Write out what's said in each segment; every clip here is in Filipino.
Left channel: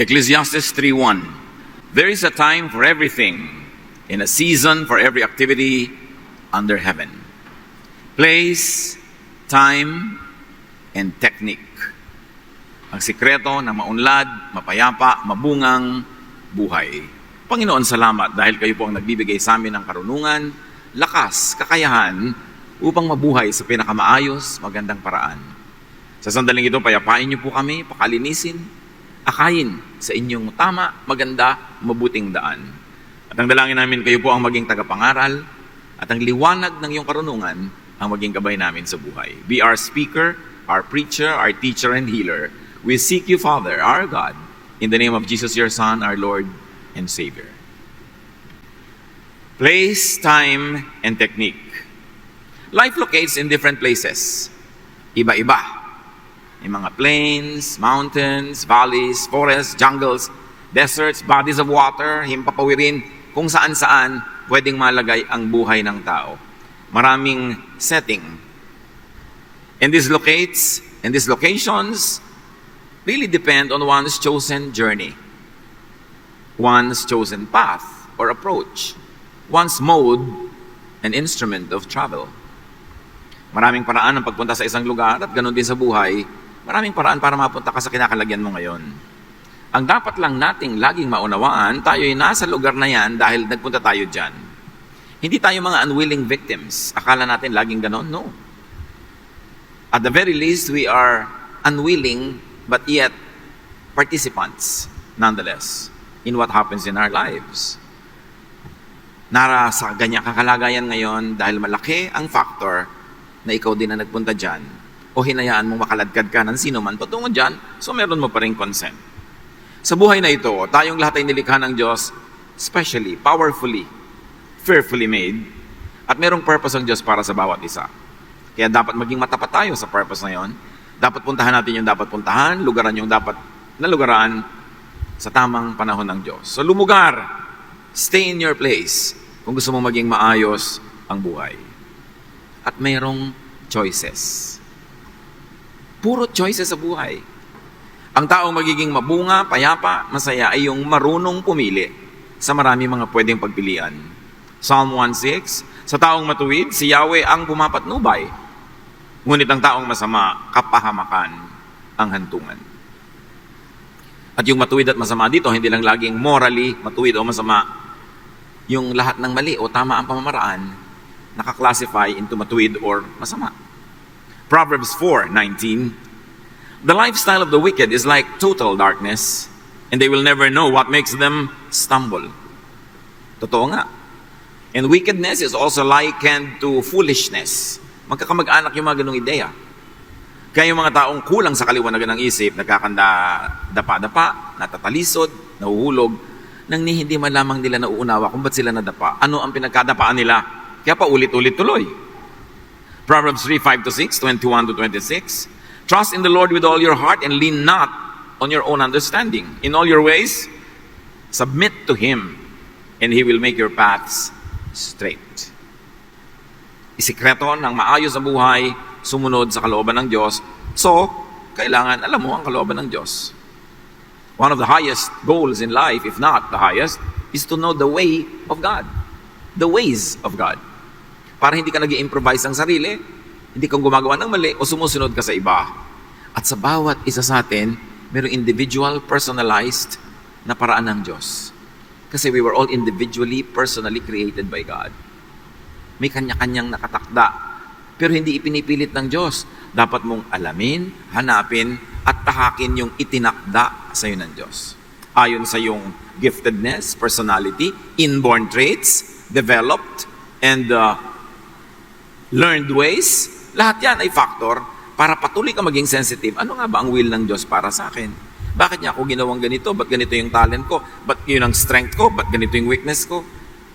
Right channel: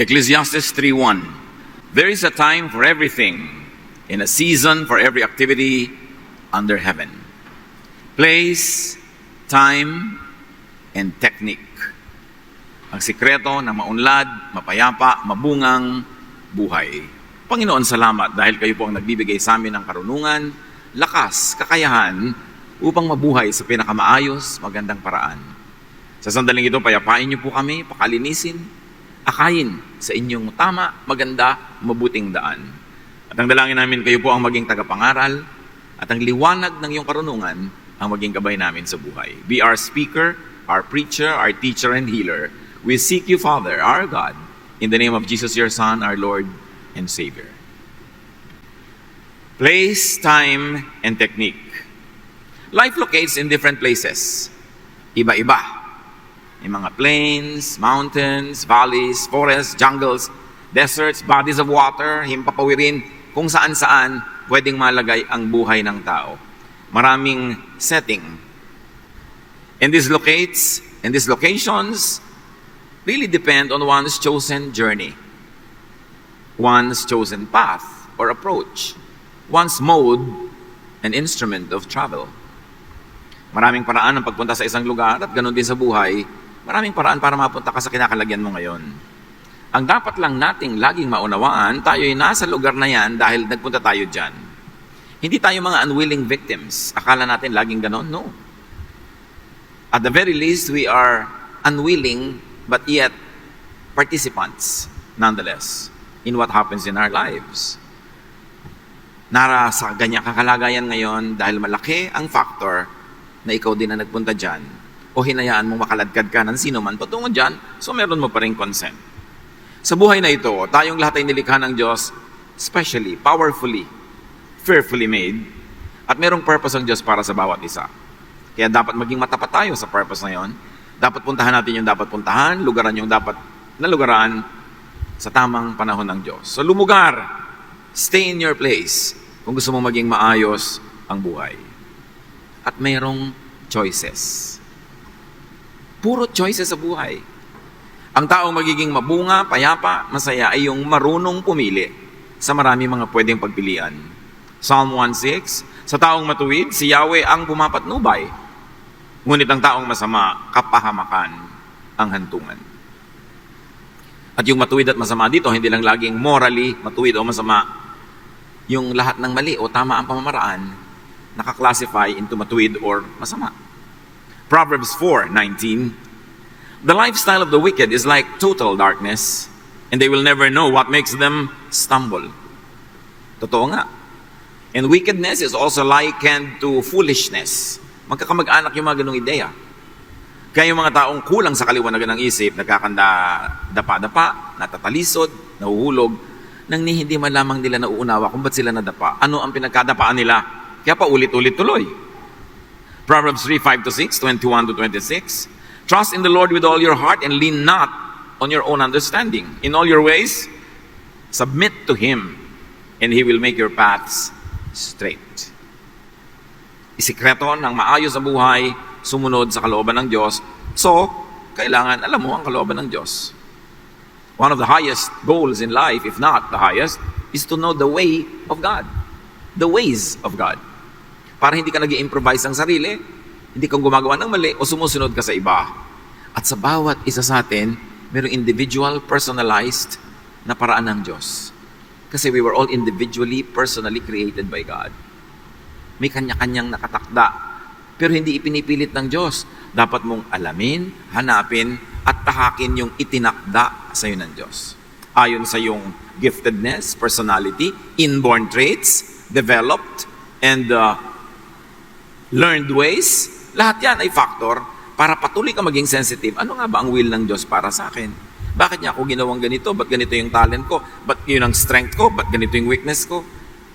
Ecclesiastes 3:1. There is a time for everything, and a season for every activity under heaven. Place, time, and technique. Ang sikreto ng maunlad, mapayapa, mabungang buhay. Panginoon, salamat dahil kayo po ang nagbibigay sa amin ng karunungan, lakas, kakayahan upang mabuhay sa pinakamaayos, magandang paraan. Sa sandaling ito, payapain niyo po kami, pakalinisin, akayin sa inyong tama, maganda, mabuting daan. At ang dalangin namin, kayo po ang maging tagapangaral at ang liwanag ng iyong karunungan ang maging gabay namin sa buhay. Be our speaker, our preacher, our teacher, and healer. We seek you, Father, our God, in the name of Jesus, your Son, our Lord and Savior. Place, time, and technique. Life locates in different places. Iba-iba. May mga plains, mountains, valleys, forests, jungles, deserts, bodies of water, himpapawirin, kung saan-saan pwedeng malagay ang buhay ng tao. Maraming setting. And these locations really depend on one's chosen journey, one's chosen path or approach, one's mode and instrument of travel. Maraming paraan ng pagpunta sa isang lugar at ganoon din sa buhay, maraming paraan para mapunta ka sa kinakalagyan mo ngayon. Ang dapat lang nating laging maunawaan, tayo ay nasa lugar na yan dahil nagpunta tayo dyan. Hindi tayo mga unwilling victims. Akala natin laging ganoon? No. At the very least, we are unwilling but yet participants nonetheless in what happens in our lives. Nasa ganyang kakalagayan ngayon dahil malaki ang factor na ikaw din na nagpunta dyan o hinayaan mong makaladkad ka ng sino man patungo dyan, so meron mo pa rin consent. Sa buhay na ito, tayong lahat ay nilikha ng Diyos specially, powerfully, fearfully made, at merong purpose ang Diyos para sa bawat isa. Kaya dapat maging matapat tayo sa purpose na yon. Dapat puntahan natin yung dapat puntahan, lugaran yung dapat nalugaran sa tamang panahon ng Diyos. So lumugar, stay in your place kung gusto mong maging maayos ang buhay. At mayroong choices. Puro choices sa buhay. Ang taong magiging mabunga, payapa, masaya ay yung marunong pumili sa marami mga pwedeng pagpilian. Psalm 1:6, sa taong matuwid, si Yahweh ang pumapatnubay. Ngunit ang taong masama, kapahamakan ang hantungan. At yung matuwid at masama dito, hindi lang laging morally matuwid o masama. Yung lahat ng mali o tama ang pamamaraan, naka-classify into matuwid or masama. Proverbs 4:19, the lifestyle of the wicked is like total darkness, and they will never know what makes them stumble. Totoo nga. And wickedness is also likened to foolishness. Magkakamag-anak yung mga ganong ideya. Kaya yung mga taong kulang sa kaliwanagan ng isip, nagkakanda, dapa-dapa, natatalisod, nahuhulog, nang hindi man lamang nila nauunawa kung ba't sila nadapa. Ano ang pinagkadapaan nila? Kaya pa ulit-ulit tuloy. Proverbs 3:5-6, 21-26. Trust in the Lord with all your heart and lean not on your own understanding. In all your ways, submit to Him, and He will make your paths straight. Isikreto ng maayos sa buhay, sumunod sa kalooban ng Diyos. So, kailangan alam mo ang kalooban ng Diyos. One of the highest goals in life, if not the highest, is to know the way of God. The ways of God. Para hindi ka nag-i-improvise ang sarili, hindi kang gumagawa ng mali o sumusunod ka sa iba. At sa bawat isa sa atin, mayroong individual, personalized na paraan ng Diyos. Kasi we were all individually, personally created by God. May kanya-kanyang nakatakda. Pero hindi ipinipilit ng Diyos. Dapat mong alamin, hanapin, at pahatin yung itinakda sa iyo ng Diyos. Ayon sa iyong giftedness, personality, inborn traits, developed, and learned ways, lahat yan ay factor para patuloy ka maging sensitive. Ano nga ba ang will ng Diyos para sa akin? Bakit niya ako ginawang ganito? Ba't ganito yung talent ko? Ba't yun ang strength ko? Ba't ganito yung weakness ko?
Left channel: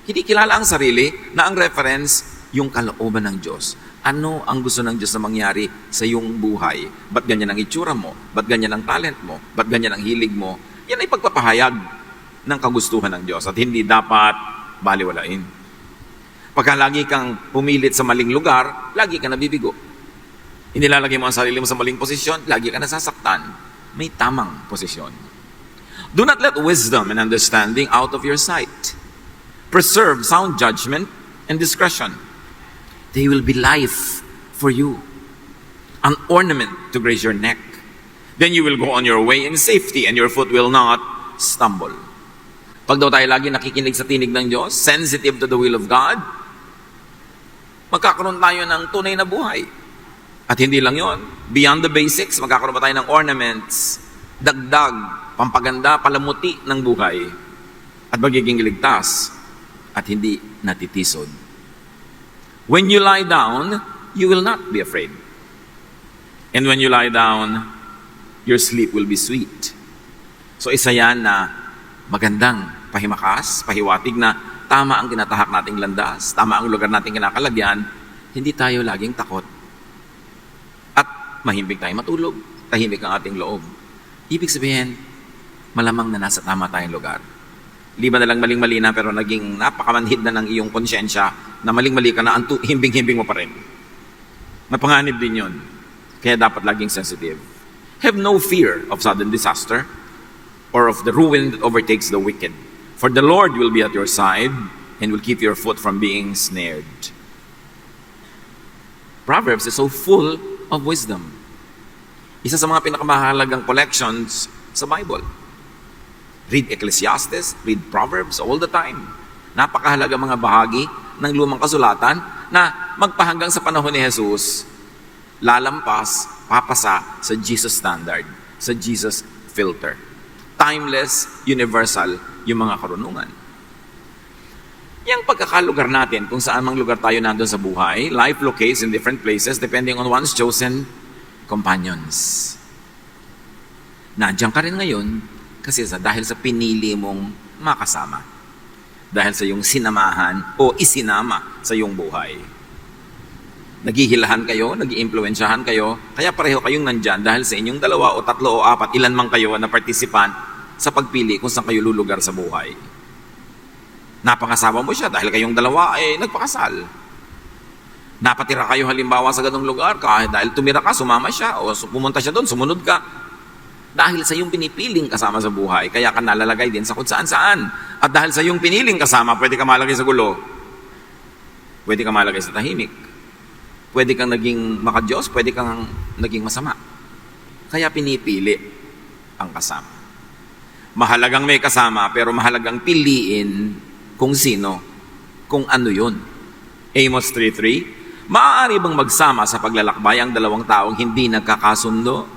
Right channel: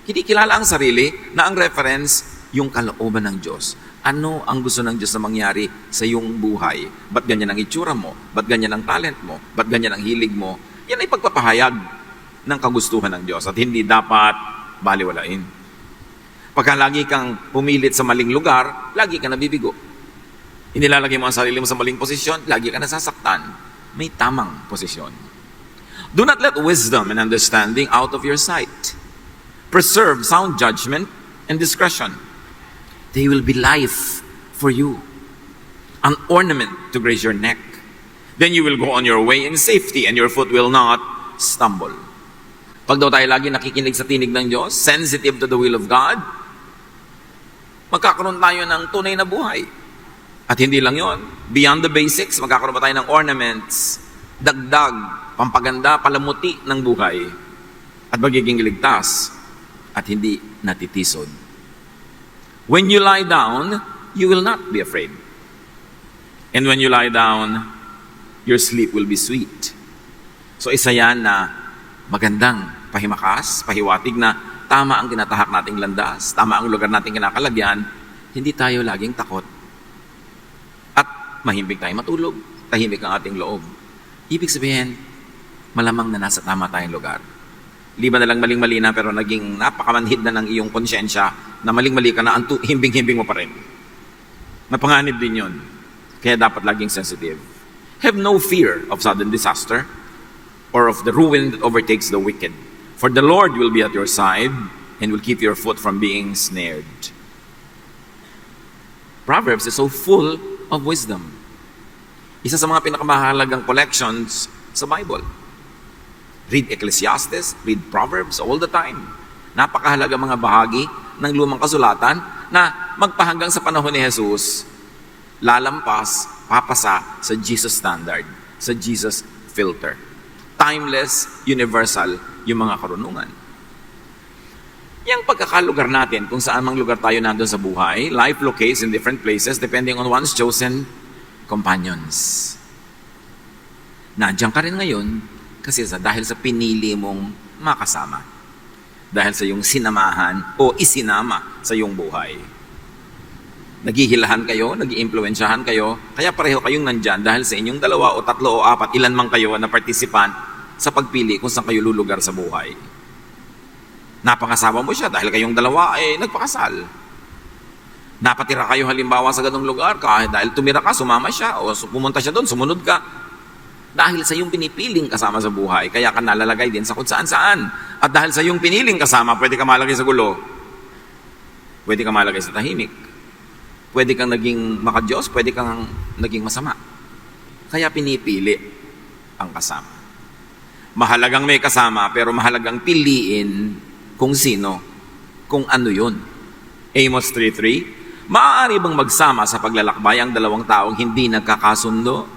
Hindi kilala ang sarili na ang reference, yung kalooban ng Diyos. Ano ang gusto ng Diyos na mangyari sa iyong buhay? Ba't ganyan ang itsura mo? Ba't ganyan ang talent mo? Ba't ganyan ang hilig mo? Yan ay pagpapahayag ng kagustuhan ng Diyos at hindi dapat baliwalain. Pagka lagi kang pumilit sa maling lugar, lagi ka nabibigo. Inilalagay mo ang sarili mo sa maling posisyon, lagi ka nasasaktan. May tamang posisyon. Do not let wisdom and understanding out of your sight. Preserve sound judgment and discretion. They will be life for you, an ornament to grace your neck. Then you will go on your way in safety and your foot will not stumble. Pag daw tayo lagi nakikinig sa tinig ng Diyos, sensitive to the will of God, magkakaroon tayo ng tunay na buhay. At hindi lang yon, beyond the basics, magkakaroon pa tayo ng ornaments, dagdag, pampaganda, palamuti ng buhay, at magiging ligtas, at hindi natitisod. When you lie down, you will not be afraid. And when you lie down, your sleep will be sweet. So isa yan na magandang pahimakas, pahiwatig na tama ang tinatahak nating landas, tama ang lugar nating kinakalagyan, hindi tayo laging takot. At mahimbing tayo matulog, tahimik ang ating loob. Ibig sabihin, malamang na nasa tama tayong lugar. Liba na lang maling-mali na pero naging napakamanhid na ng iyong konsyensya na maling-mali ka na, himbing-himbing mo pa rin. Napanganib din yun. Kaya dapat laging sensitive. Have no fear of sudden disaster or of the ruin that overtakes the wicked. For the Lord will be at your side and will keep your foot from being snared. Proverbs is so full of wisdom. Isa sa mga pinakamahalagang collections sa Bible. Read Ecclesiastes, read Proverbs all the time. Napakahalaga mga bahagi ng lumang kasulatan na magpahanggang sa panahon ni Jesus, lalampas, papasa sa Jesus standard, sa Jesus filter. Timeless, universal, yung mga karunungan. Yung pagkakalugar natin, kung saan mang lugar tayo nandun sa buhay, life locates in different places depending on one's chosen companions. Nandiyan ka rin ngayon kasi dahil sa pinili mong makasama. Dahil sa iyong sinamahan o isinama sa iyong buhay. Naghihilahan kayo, nag-iimpluwensyahan kayo, kaya pareho kayong nandyan dahil sa inyong 2 o 3 o 4, ilan man kayo na participant sa pagpili kung sa kayo lulugar sa buhay. Napakasawa mo siya dahil kayong 2 nagpakasal. Napatira kayo halimbawa sa ganung lugar kahit dahil tumira ka, sumama siya o pumunta siya doon, sumunod ka. Dahil sa iyong pinipiling kasama sa buhay, kaya ka nalalagay din sa kung saan-saan. At dahil sa iyong piniling kasama, pwede ka malagay sa gulo. Pwede ka malagay sa tahimik. Pwede kang naging makadiyos, pwede kang naging masama. Kaya pinipili ang kasama. Mahalagang may kasama, pero mahalagang piliin kung sino, kung ano yun. Amos 3:3, maaari bang magsama sa paglalakbay ang 2 taong hindi nagkakasundo?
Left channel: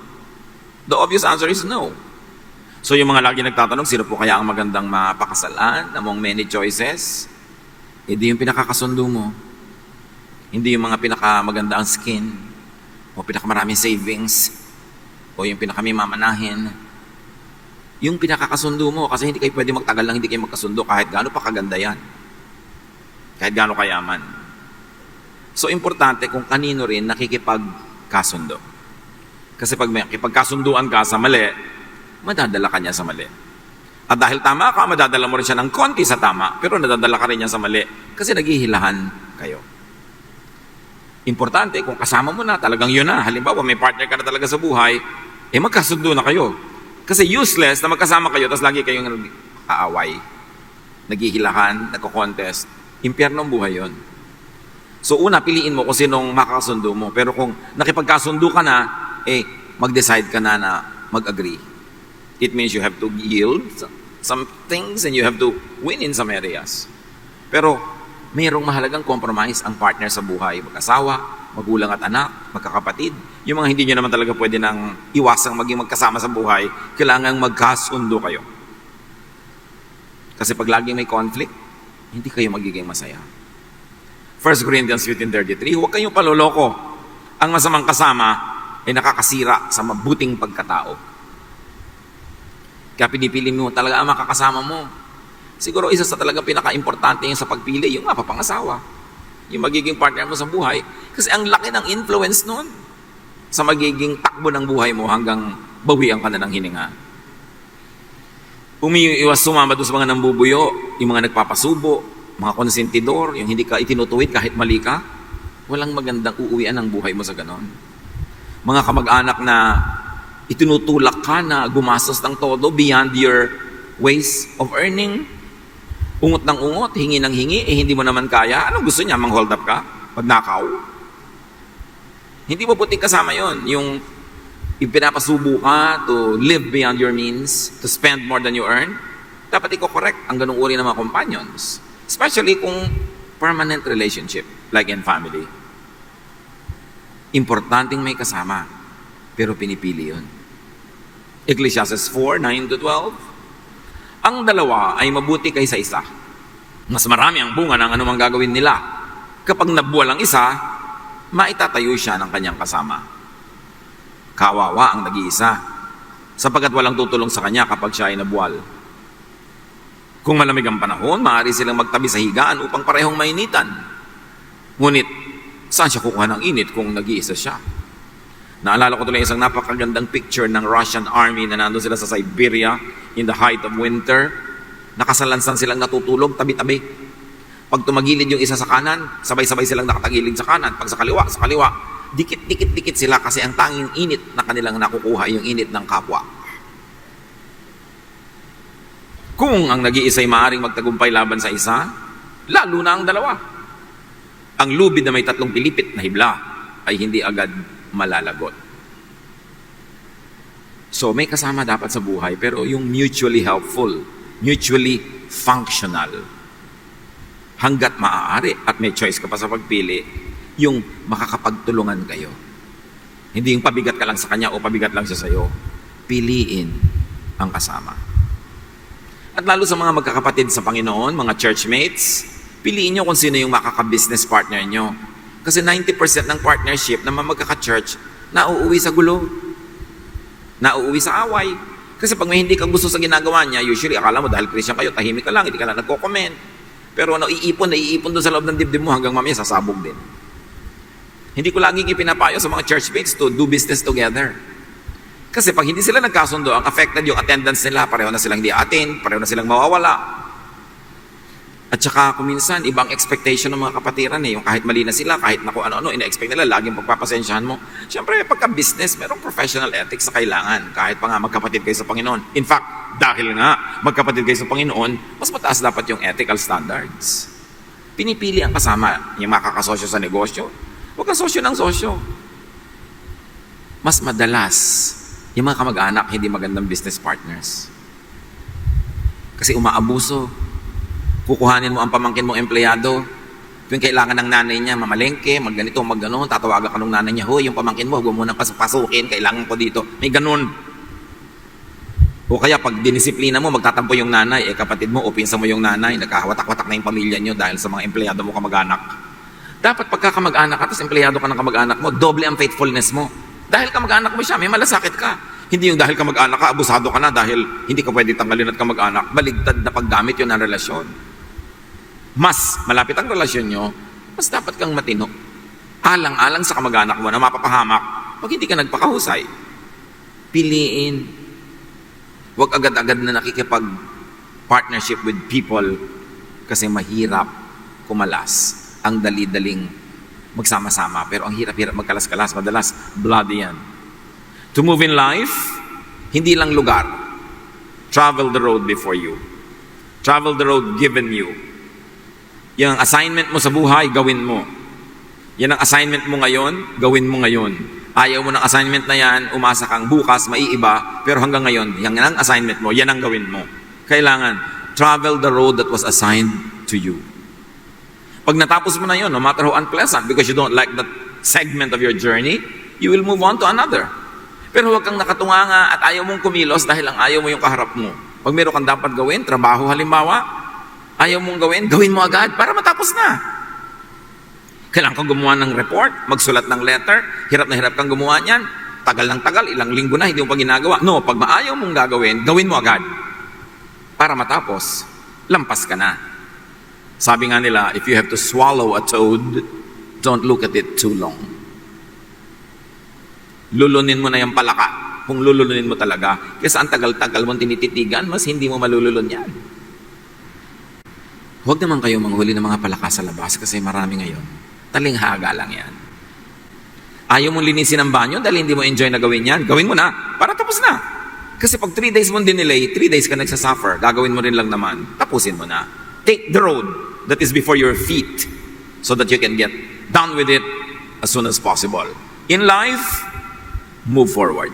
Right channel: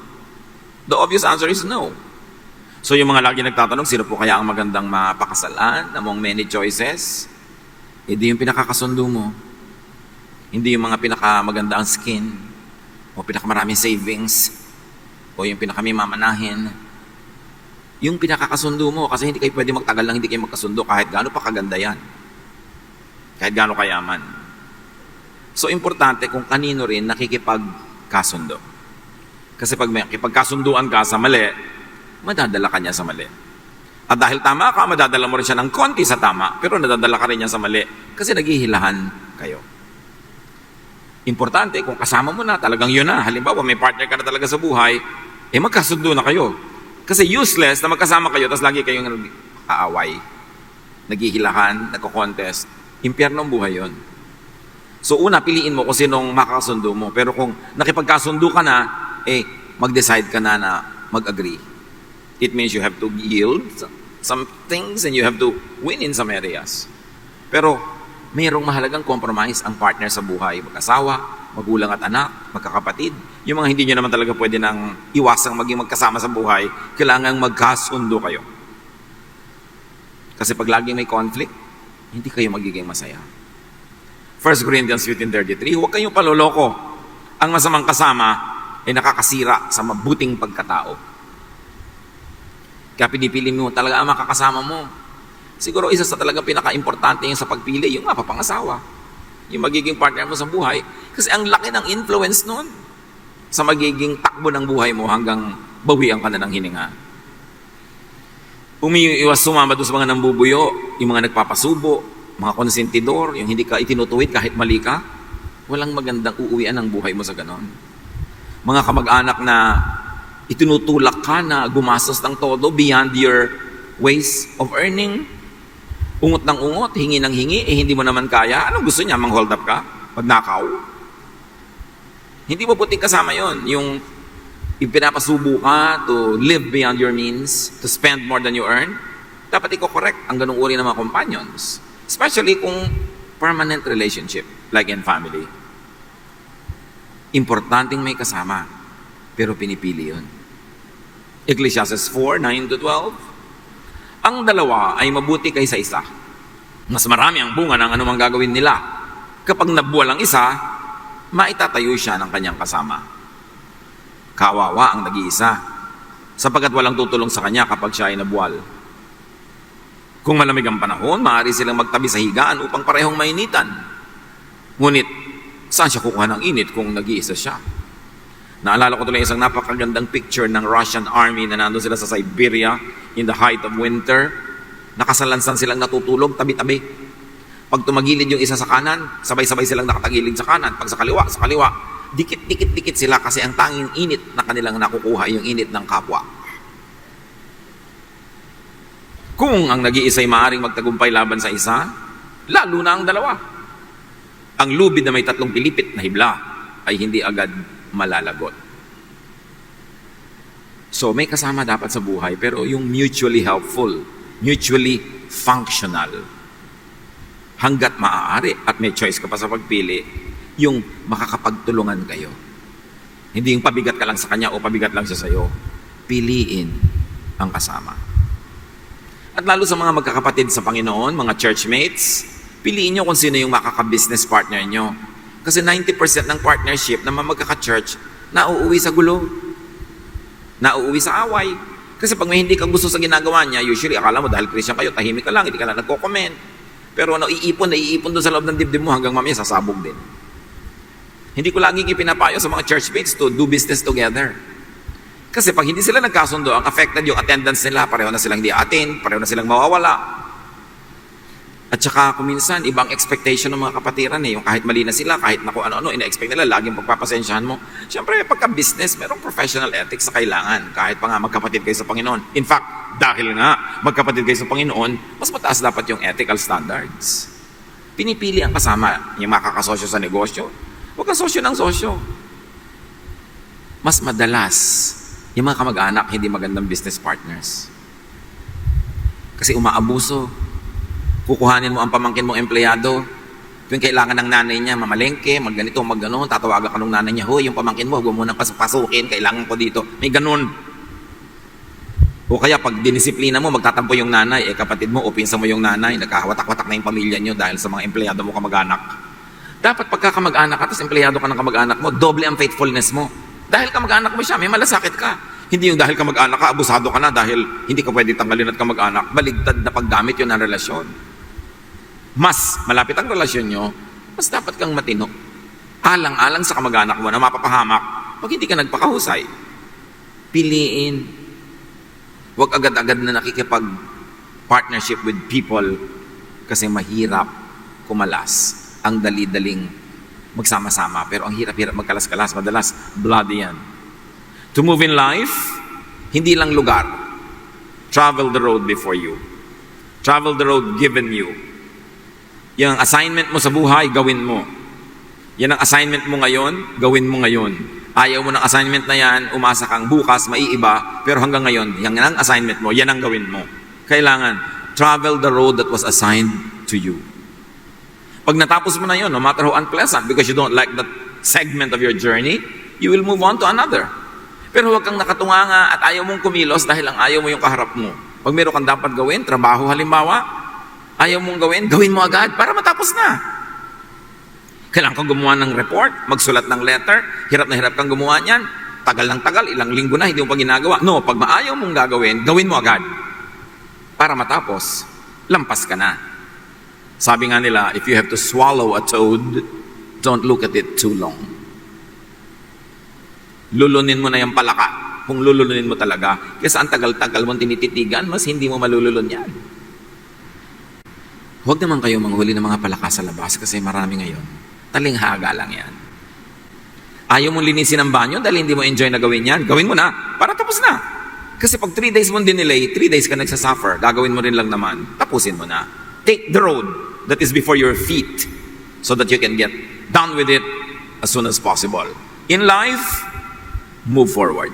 The obvious answer is no. So yung mga lagi nagtatanong, sino po kaya ang magandang mapakasalan among many choices? Hindi yung pinakakasundo mo. Hindi yung mga pinakamaganda ang skin, o pinakamaraming savings, o yung pinakamimamanahin. Yung pinakakasundo mo, kasi hindi kayo pwede magtagal lang hindi kayo magkasundo kahit gaano pa kaganda yan. Kahit gaano kayaman. So importante kung kanino rin nakikipagkasundo. Kasi pag may kipagkasunduan ka sa mali, madadala ka niya sa mali. At dahil tama ka, madadala mo rin siya ng konti sa tama, pero nadadala ka rin niya sa mali. Kasi naghihilahan kayo. Importante kung kasama mo niya talaga yun ang halimbawa may partner ka na talaga sa buhay, magkasundo na kayo. Kasi useless na magkasama kayo, tapos lagi kayo nag-aaway, naghihilahan, nag-contest. Impyerno ang buhay yun. So una, piliin mo kung sinong makakasundo mo. Pero kung nakipagkasundo ka na, mag-decide ka na mag-agree. It means you have to yield some things and you have to win in some areas. Pero mayroong mahalagang compromise ang partner sa buhay. Mag-asawa, magulang at anak, magkakapatid. Yung mga hindi nyo naman talaga pwede nang iwasang maging magkasama sa buhay, kailangang magkasundo kayo. Kasi pag laging may conflict, hindi kayo magiging masaya. 1 Corinthians 15:33, huwag kayong paloloko. Ang masamang kasama ay nakakasira sa mabuting pagkatao. Kaya pinipili mo talaga ang makakasama mo. Siguro isa sa talaga pinaka-importante yung sa pagpili, yung mapapangasawa. Yung magiging partner mo sa buhay. Kasi ang laki ng influence nun sa magiging takbo ng buhay mo hanggang bawian ka na ng hininga. Kung may iwas sumama doon sa mga nambubuyo, yung mga nagpapasubo, mga konsentidor, yung hindi ka itinutuwid kahit mali ka, walang magandang uuwian ng buhay mo sa ganon. Mga kamag-anak na itinutulak ka na gumastos ng todo beyond your ways of earning. Ungot ng ungot, hingi ng hingi, hindi mo naman kaya. Anong gusto niya? Mang-hold up ka? Magnakaw? Hindi mo puting kasama yon. Yung pinapasubo ka to live beyond your means, to spend more than you earn. Dapat i-correct ang ganung uri ng mga companions. Especially kung permanent relationship, like in family. Importanteng may kasama, pero pinipili yun. Ecclesiastes 4:9-12. Ang dalawa ay mabuti kaysa isa. Mas marami ang bunga ng anumang gagawin nila. Kapag nabuwal ang isa, maitatayo siya ng kanyang kasama. Kawawa ang nag-iisa, sapagkat walang tutulong sa kanya kapag siya ay nabuwal. Kung malamig ang panahon, maaari silang magtabi sa higaan upang parehong mainitan. Ngunit, saan siya kukuha ng init kung nag-iisa siya? Naalala ko tuloy isang napakagandang picture ng Russian army na nandun sila sa Siberia in the height of winter. Nakasalansan silang natutulog, tabi-tabi. Pag tumagilid yung isa sa kanan, sabay-sabay silang nakatagilid sa kanan. Pag sa kaliwa, dikit sila kasi ang tanging init na kanilang nakukuha yung init ng kapwa. Kung ang nag-iisa ay maaaring magtagumpay laban sa isa, lalo na ang dalawa. Ang lubid na may tatlong pilipit na hibla ay hindi agad malalagot. So, may kasama dapat sa buhay, pero yung mutually helpful, mutually functional. Hanggat maaari at may choice ka pa sa pagpili, yung makakapagtulungan kayo. Hindi yung pabigat ka lang sa kanya o pabigat lang siya sa'yo. Piliin ang kasama. At lalo sa mga magkakapatid sa Panginoon, mga churchmates, piliin nyo kung sino yung makaka-business partner nyo. Kasi 90% ng partnership ng mga magkaka-church, nauuwi sa gulo. Nauuwi sa away. Kasi pag may hindi ka gusto sa ginagawa niya, usually akala mo dahil Christian kayo, tahimik ka lang, hindi ka na nagko-comment. Pero naiipon doon sa loob ng dibdib mo hanggang mamaya sasabog din. Hindi ko laging ipinapayo sa mga churchmates to do business together. Kasi pag hindi sila nagkasundo, ang affected yung attendance nila, pareho na silang hindi attend, pareho na silang mawawala. At saka kung minsan, ibang expectation ng mga kapatiran yung kahit mali na sila, kahit na kung ano-ano, ina-expect nila, laging pagpapasensyahan mo. Siyempre, pagka-business, merong professional ethics sa kailangan, kahit pa nga magkapatid kayo sa Panginoon. In fact, dahil nga magkapatid kayo sa Panginoon, mas mataas dapat yung ethical standards. Pinipili ang kasama, yung makakasosyo sa negosyo. Huwag kang sosyo ng sosyo. Mas madalas, yung mga kamag-anak, hindi magandang business partners. Kasi umaabuso. Kukuhanin mo ang pamangkin mong empleyado. Kung kailangan ng nanay niya, mamalengke, magganito, magganon, tatawagan ka ng nanay niya, hoy, yung pamangkin mo, huwag mo nang pasukin, kailangan ko dito. May ganon. O kaya pag dinisiplina mo, magtatampo yung nanay, kapatid mo, o pinsan mo yung nanay, nagkahawatak-watak na yung pamilya niyo dahil sa mga empleyado mo kamag-anak. Dapat pagka kamag-anak ka, tapos empleyado ka ng kamag-anak mo, doble ang faithfulness mo. Dahil kamag-anak mo siya, may malasakit ka. Hindi yung dahil kamag-anak ka, abusado ka na dahil hindi ka pwede tanggalin at kamag-anak. Baligtad na paggamit yun ng relasyon. Mas malapit ang relasyon nyo, mas dapat kang matino. Alang-alang sa kamag-anak mo na mapapahamak pag hindi ka nagpakahusay. Piliin. Huwag agad-agad na nakikipag-partnership with people kasi mahirap kumalas. Ang dali-daling magsama-sama. Pero ang hirap-hirap magkalas-kalas, madalas bloody yan. To move in life, hindi lang lugar. Travel the road before you. Travel the road given you. Yung assignment mo sa buhay, gawin mo. Yan ang assignment mo ngayon, gawin mo ngayon. Ayaw mo ng assignment na yan, umasa kang bukas, maiiba, pero hanggang ngayon, yan ang assignment mo, yan ang gawin mo. Kailangan, travel the road that was assigned to you. Pag natapos mo na yun, no matter how unpleasant, because you don't like that segment of your journey, you will move on to another. Pero huwag kang nakatunganga at ayaw mong kumilos dahil ang ayaw mo yung kaharap mo. Pag meron kang dapat gawin, trabaho halimbawa, ayaw mong gawin mo agad para matapos na. Kailangan kang gumawa ng report, magsulat ng letter, hirap na hirap kang gumawa niyan, tagal ng tagal, ilang linggo na, hindi mo pa ginagawa. No, pag maayaw mong gawin mo agad. Para matapos, lampas ka na. Sabi nga nila, if you have to swallow a toad, don't look at it too long. Lulunin mo na yung palaka, kung lulunin mo talaga. Kasi ang tagal-tagal mong tinititigan, mas hindi mo malululun yan. Huwag naman kayo manghuli ng mga palaka sa labas kasi marami ngayon. Talinghaga lang yan. Ayaw mong linisin ang banyo dahil hindi mo enjoy na gawin yan. Gawin mo na para tapos na. Kasi pag 3 days mo dinelay, 3 days ka nagsasuffer, gagawin mo rin lang naman. Tapusin mo na. Take the road that is before your feet so that you can get done with it as soon as possible. In life, move forward.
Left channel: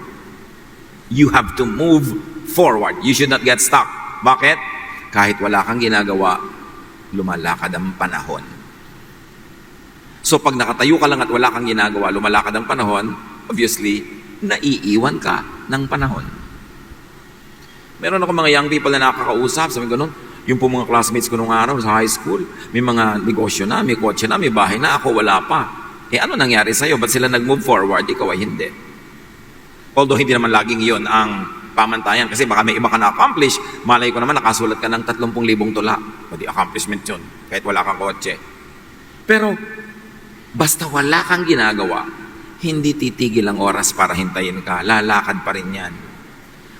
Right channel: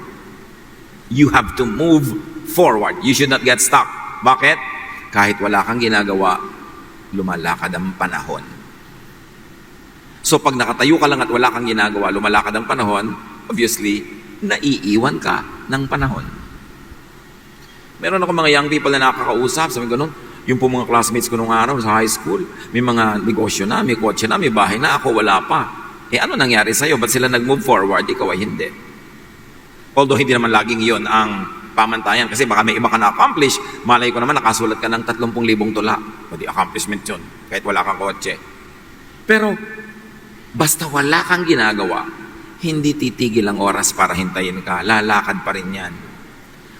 You have to move forward. You should not get stuck. Bakit? Kahit wala kang ginagawa, lumalakad ang panahon. So pag nakatayo ka lang at wala kang ginagawa, lumalakad ang panahon, obviously, naiiwan ka ng panahon. Meron ako mga young people na nakakausap, sabi ko, yung po mga classmates ko nung araw sa high school, may mga negosyo na, may kotse na, may bahay na, ako wala pa. Ano nangyari sa'yo? Ba't sila nag-move forward? Ikaw ay hindi. Although hindi naman laging iyon ang pamantayan kasi baka may iba ka na-accomplish, malay ko naman nakasulat ka ng 30,000 tula. Pwede accomplishment yun, kahit wala kang kotse. Pero, basta wala kang ginagawa, hindi titigil ang oras para hintayin ka. Lalakad pa rin yan.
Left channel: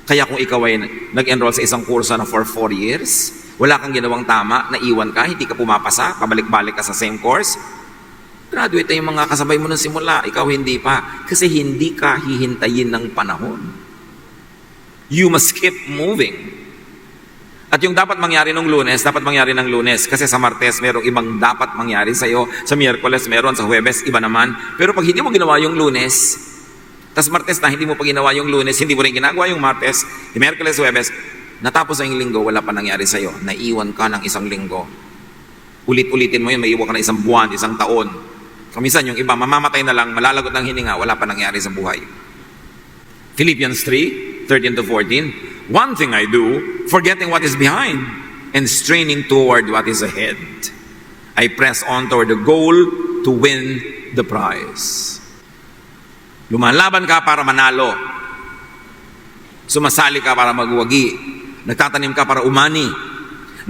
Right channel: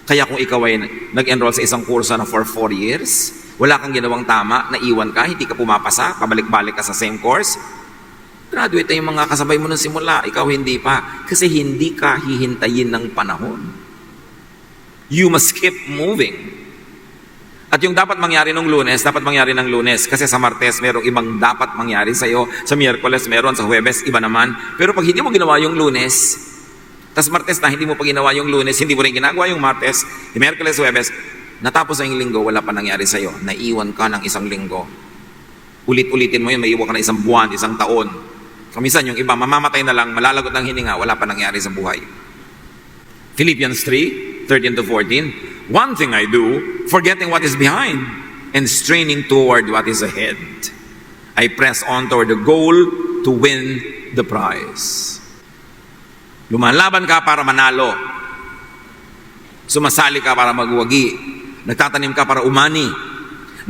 Kaya kung ikaw ay nag-enroll sa isang kurso na for 4 years, wala kang ginawang tama, naiwan ka, hindi ka pumapasa, pabalik-balik ka sa same course, graduate na yung mga kasabay mo ng simula, ikaw hindi pa. Kasi hindi ka hihintayin ng panahon. You must keep moving. At yung dapat mangyari ng Lunes, dapat mangyari ng Lunes. Kasi sa Martes, merong ibang dapat mangyari sa'yo. Sa Miyerkules, meron. Sa Huwebes, iba naman. Pero pag hindi mo ginawa yung Lunes, tas Martes na hindi mo pa ginawa yung Lunes, hindi mo rin ginagawa yung Martes, Miyerkules, Huwebes, natapos ang linggo, wala pa nangyari sa'yo. Naiwan ka ng isang linggo. Ulit-ulitin mo yun, maiwan ka na isang buwan, isang taon. So minsan yung iba, mamamatay na lang, malalagot ang hininga, wala pa nangyari sa buhay. Philippians 3:13-14, one thing I do, forgetting what is behind and straining toward what is ahead. I press on toward the goal to win the prize. Lumalaban ka para manalo. Sumasali ka para magwagi. Nagtatanim ka para umani.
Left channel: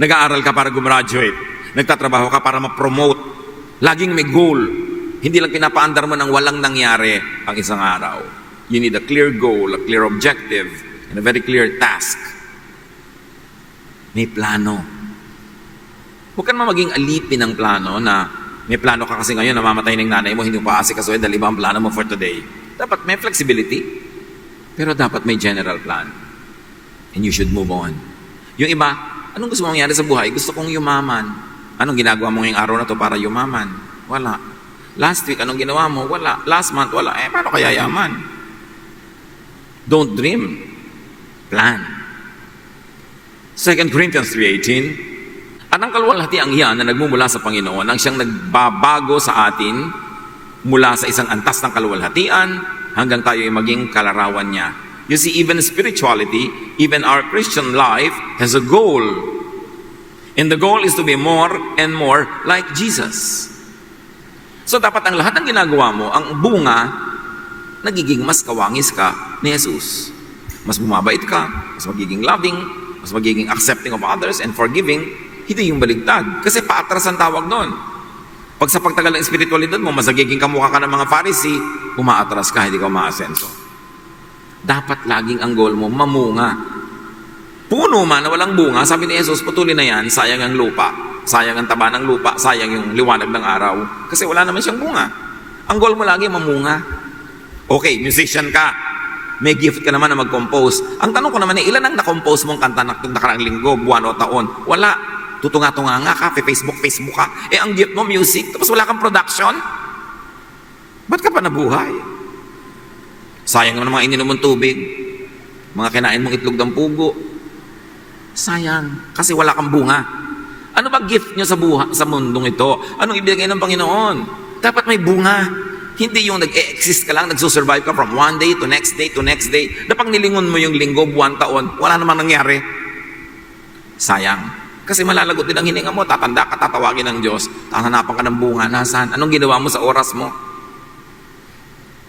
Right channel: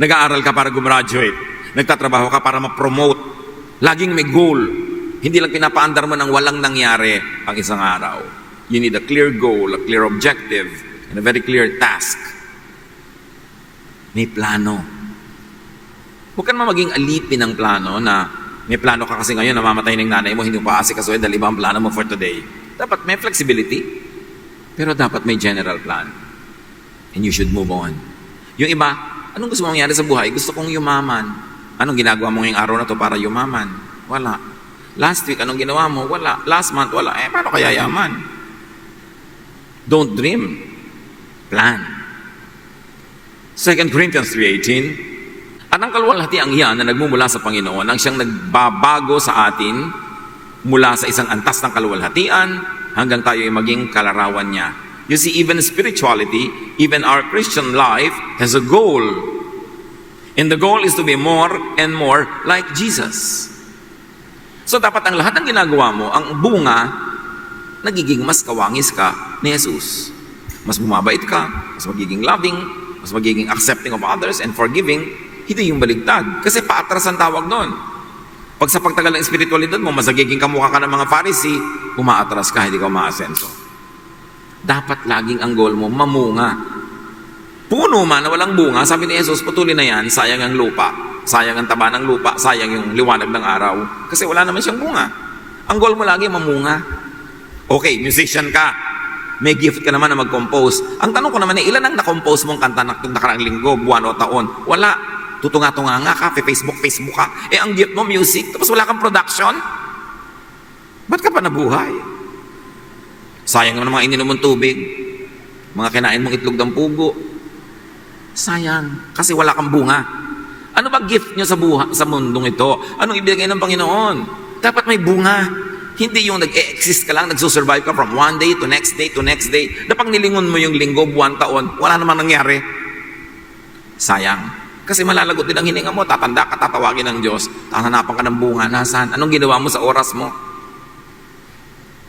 Nag-aaral ka para gumraduate. Nagtatrabaho ka para ma-promote. Laging may goal. Hindi lang pinapaandar mo ng walang nangyari ang isang araw. You need a clear goal, a clear objective, and a very clear task. May plano. Huwag ka naman maging alipin ng plano na may plano ka kasi ngayon, namamatay ng nanay mo, hindi mo paasik kasi dahil iba ang plano mo for today. Dapat may flexibility, pero dapat may general plan. And you should move on. Yung iba, anong gusto mong mangyari sa buhay? Gusto kong yumaman. Anong ginagawa mo ngayong araw na to para yumaman? Wala. Last week, anong ginawa mo? Wala. Last month, wala. Paano kaya yaman? Don't dream. Plan. 2 Corinthians 3:18, anong kaluwalhatian yan na nagmumula sa Panginoon ang siyang nagbabago sa atin mula sa isang antas ng kaluwalhatian hanggang tayo ay maging kalarawan niya. You see, even spirituality, even our Christian life has a goal. And the goal is to be more and more like Jesus. So dapat ang lahat ng ginagawa mo, ang bunga, nagiging mas kawangis ka ni Jesus. Mas bumabait ka, mas magiging loving, mas magiging accepting of others and forgiving. Hindi yung baligtad. Kasi paatras ang tawag doon. Pag sa pagtagal ng spiritualidad mo, mas nagiging kamukha ka ng mga Pharisee, umaatras ka, hindi ka umaasenso. Dapat laging ang goal mo, mamunga. Puno man na walang bunga, sabi ni Jesus, patuloy na yan, sayang ang lupa. Sayang ang taba ng lupa, sayang yung liwanag ng araw. Kasi wala naman siyang bunga. Ang goal mo lagi, mamunga. Okay, musician ka. May gift ka naman na mag-compose. Ang tanong ko naman, ilan ang na-compose mong kanta na nakaraang linggo, buwan o taon? Wala. Tutunga-tunga nga ka, Facebook ka. Ang gift mo, music, tapos wala kang production? Ba't ka pa nabuhay? Sayang naman mga ininom mong tubig. Mga kinain mong itlog ng pugo. Sayang, kasi wala kang bunga. Ano ba gift niya sa mundong ito? Anong ibigay ng Panginoon? Dapat may bunga. Hindi yung nag-exist ka lang, nagsusurvive ka from one day to next day to next day. Napang nilingon mo yung linggo, buwan, taon, wala namang nangyari. Sayang. Kasi malalagot din ang hininga mo, tatanda ka, tatawagin ng Diyos, hahanapan ka ng bunga, nasaan? Anong ginawa mo sa oras mo?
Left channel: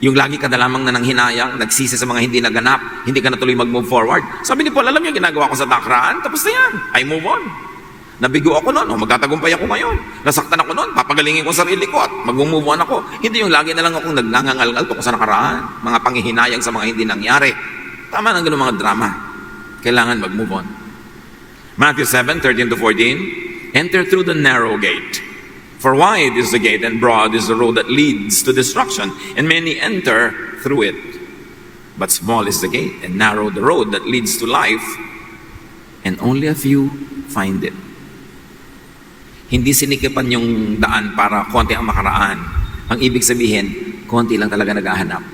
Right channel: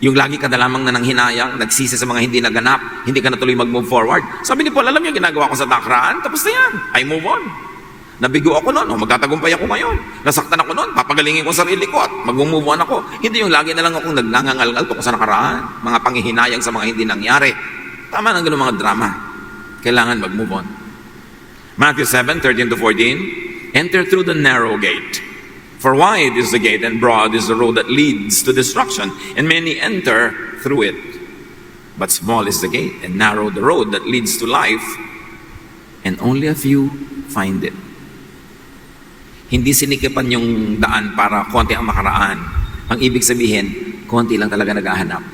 Yung lagi ka na lamang na nang hinayang, nagsisi sa mga hindi naganap, hindi ka na tuloy mag-move forward. Sabi ni Paul, alam niyo, ginagawa ko sa nakaraan, tapos na yan, I move on. Nabigo ako noon, magtatagumpay ako ngayon. Nasaktan ako noon, papagalingin ko sarili ko at mag-move on ako. Hindi yung lagi na lang akong naglangangalgal ko sa nakaraan, mga panghihinayang sa mga hindi nangyari. Tama ng ganun mga drama. Kailangan mag-move on. Matthew 7:13-14, enter through the narrow gate. For wide is the gate and broad is the road that leads to destruction, and many enter through it. But small is the gate and narrow the road that leads to life, and only a few find it. Hindi sinikipan yung daan para konti ang makaraan. Ang ibig sabihin, konti lang talaga naghahanap.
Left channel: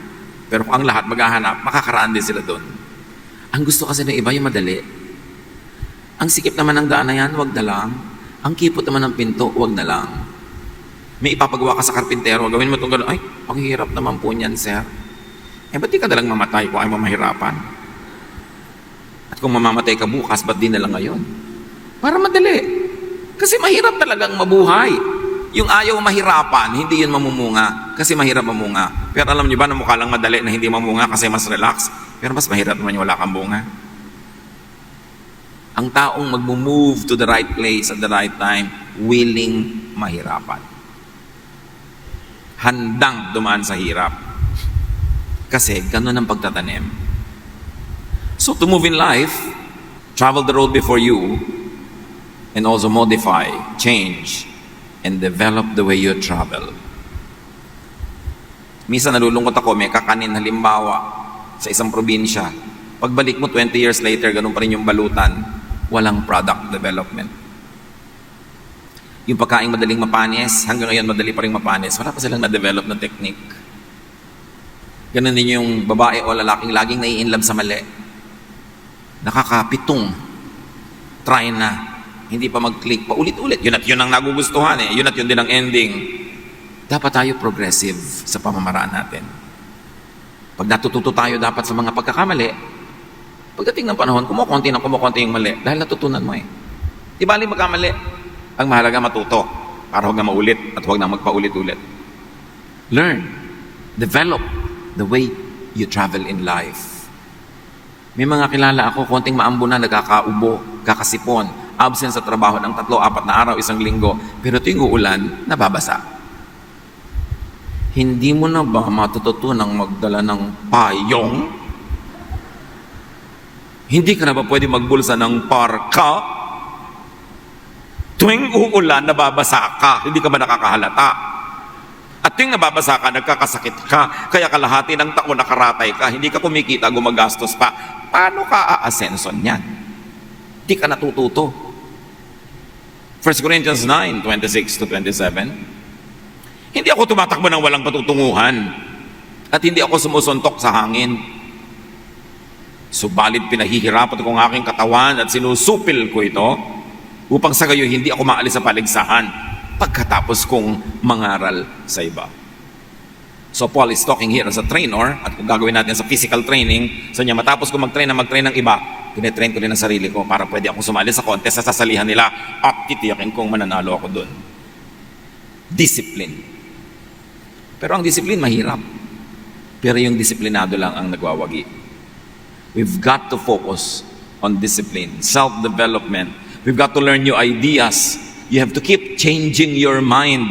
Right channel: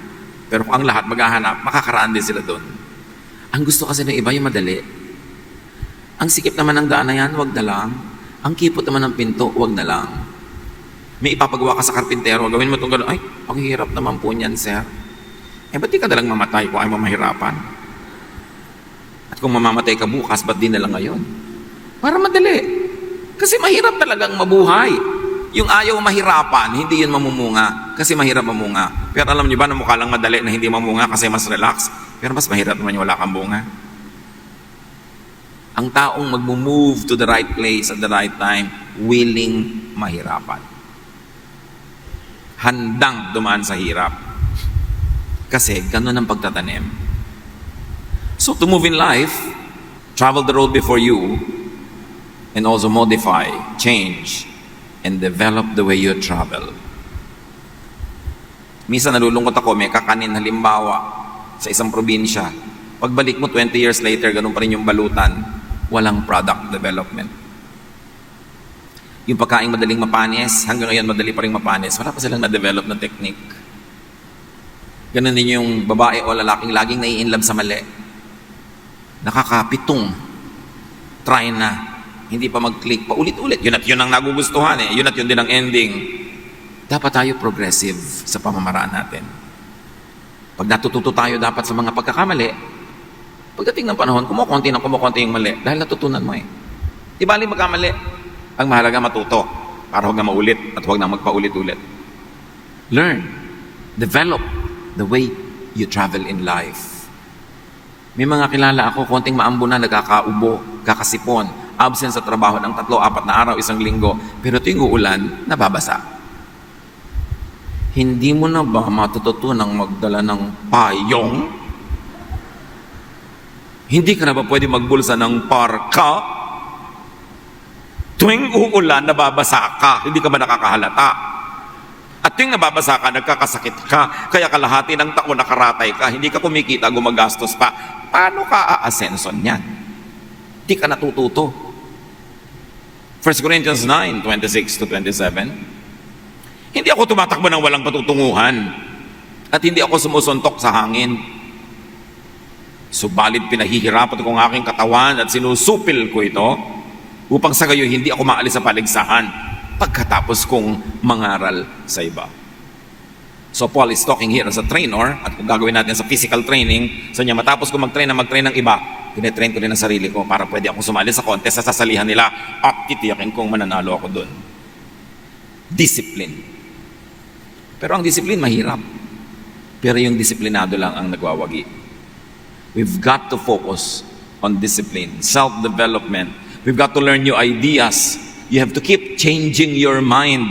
Pero kung ang lahat maghahanap, makakaraan din sila doon. Ang gusto kasi ng iba yung madali. Ang sikip naman ng daan na yan, wag na lang. Ang kipot naman ng pinto, wag na lang. May ipapagawa ka sa karpintero, gawin mo itong gano'n, ay, ang hirap naman po niyan, sir. Eh, ba't di ka nalang mamatay kung ayaw mo mahirapan? At kung mamamatay ka bukas, ba't di na lang ngayon? Para madali. Kasi mahirap talagang mabuhay. Yung ayaw mahirapan, hindi yun mamumunga. Kasi mahirap mamunga. Pero alam niyo ba na mukha lang madali na hindi mamunga kasi mas relax? Pero mas mahirap naman yung wala kang bunga. Ang taong mag-move to the right place at the right time, willing mahirapan. Handang dumaan sa hirap. Kasi ganun ang pagtatanim. So to move in life, travel the road before you, and also modify, change, and develop the way you travel. Minsan nalulungkot ako, may kakanin halimbawa sa isang probinsya. Pagbalik mo 20 years later, ganun pa rin yung balutan, walang product development. Yung pagkain madaling mapanis, hanggang ngayon madali pa rin mapanis, wala pa silang na-develop na technique. Ganun din yung babae o lalaking laging nai-inlove sa mali. Nakakapitong try na. Hindi pa mag-click pa ulit-ulit. Yun at yun ang nagugustuhan eh. Yun at yun din ang ending. Dapat tayo progressive sa pamamaraan natin. Pag natututo tayo dapat sa mga pagkakamali, pagdating ng panahon, kumukunti yung mali dahil natutunan mo eh. Di ba magkamali? Ang mahalaga matuto para huwag na maulit at huwag na magpaulit-ulit. Learn. Develop the way you travel in life. May mga kilala ako, konting maambo na, nagkakaubo, kakasipon, absent sa trabaho ng 3-4 na araw, isang linggo, pero tuwing uulan, nababasa. Hindi mo na ba matututunang magdala ng payong? Hindi ka na ba pwede magbulsa ng parka? Tuwing uulan, nababasa ka, hindi ka ba nakakahalata? At tuwing nababasa ka, nagkakasakit ka, kaya kalahati ng taon nakaratay ka, hindi ka kumikita, gumagastos pa. Paano ka aasenso niyan? Di ka natututo. 1 Corinthians 9:26-27. Hindi ako tumatakbo ng walang patutunguhan at hindi ako sumusuntok sa hangin. Subalit pinahihirapan ko ang aking katawan at sinusupil ko ito upang sa gayon hindi ako maalis sa paligsahan pagkatapos kong mangaral sa iba. So Paul is talking here as a trainer at kung gagawin natin sa physical training, so niya matapos ko mag-train ng iba, tinetrain ko din ang sarili ko para pwede akong sumali sa contest sa sasalihan nila at titiyakin kong mananalo ako doon. Discipline. Pero ang discipline mahirap. Pero yung disiplinado lang ang nagwawagi. We've got to focus on discipline, self-development. We've got to learn new ideas. You have to keep changing your mind.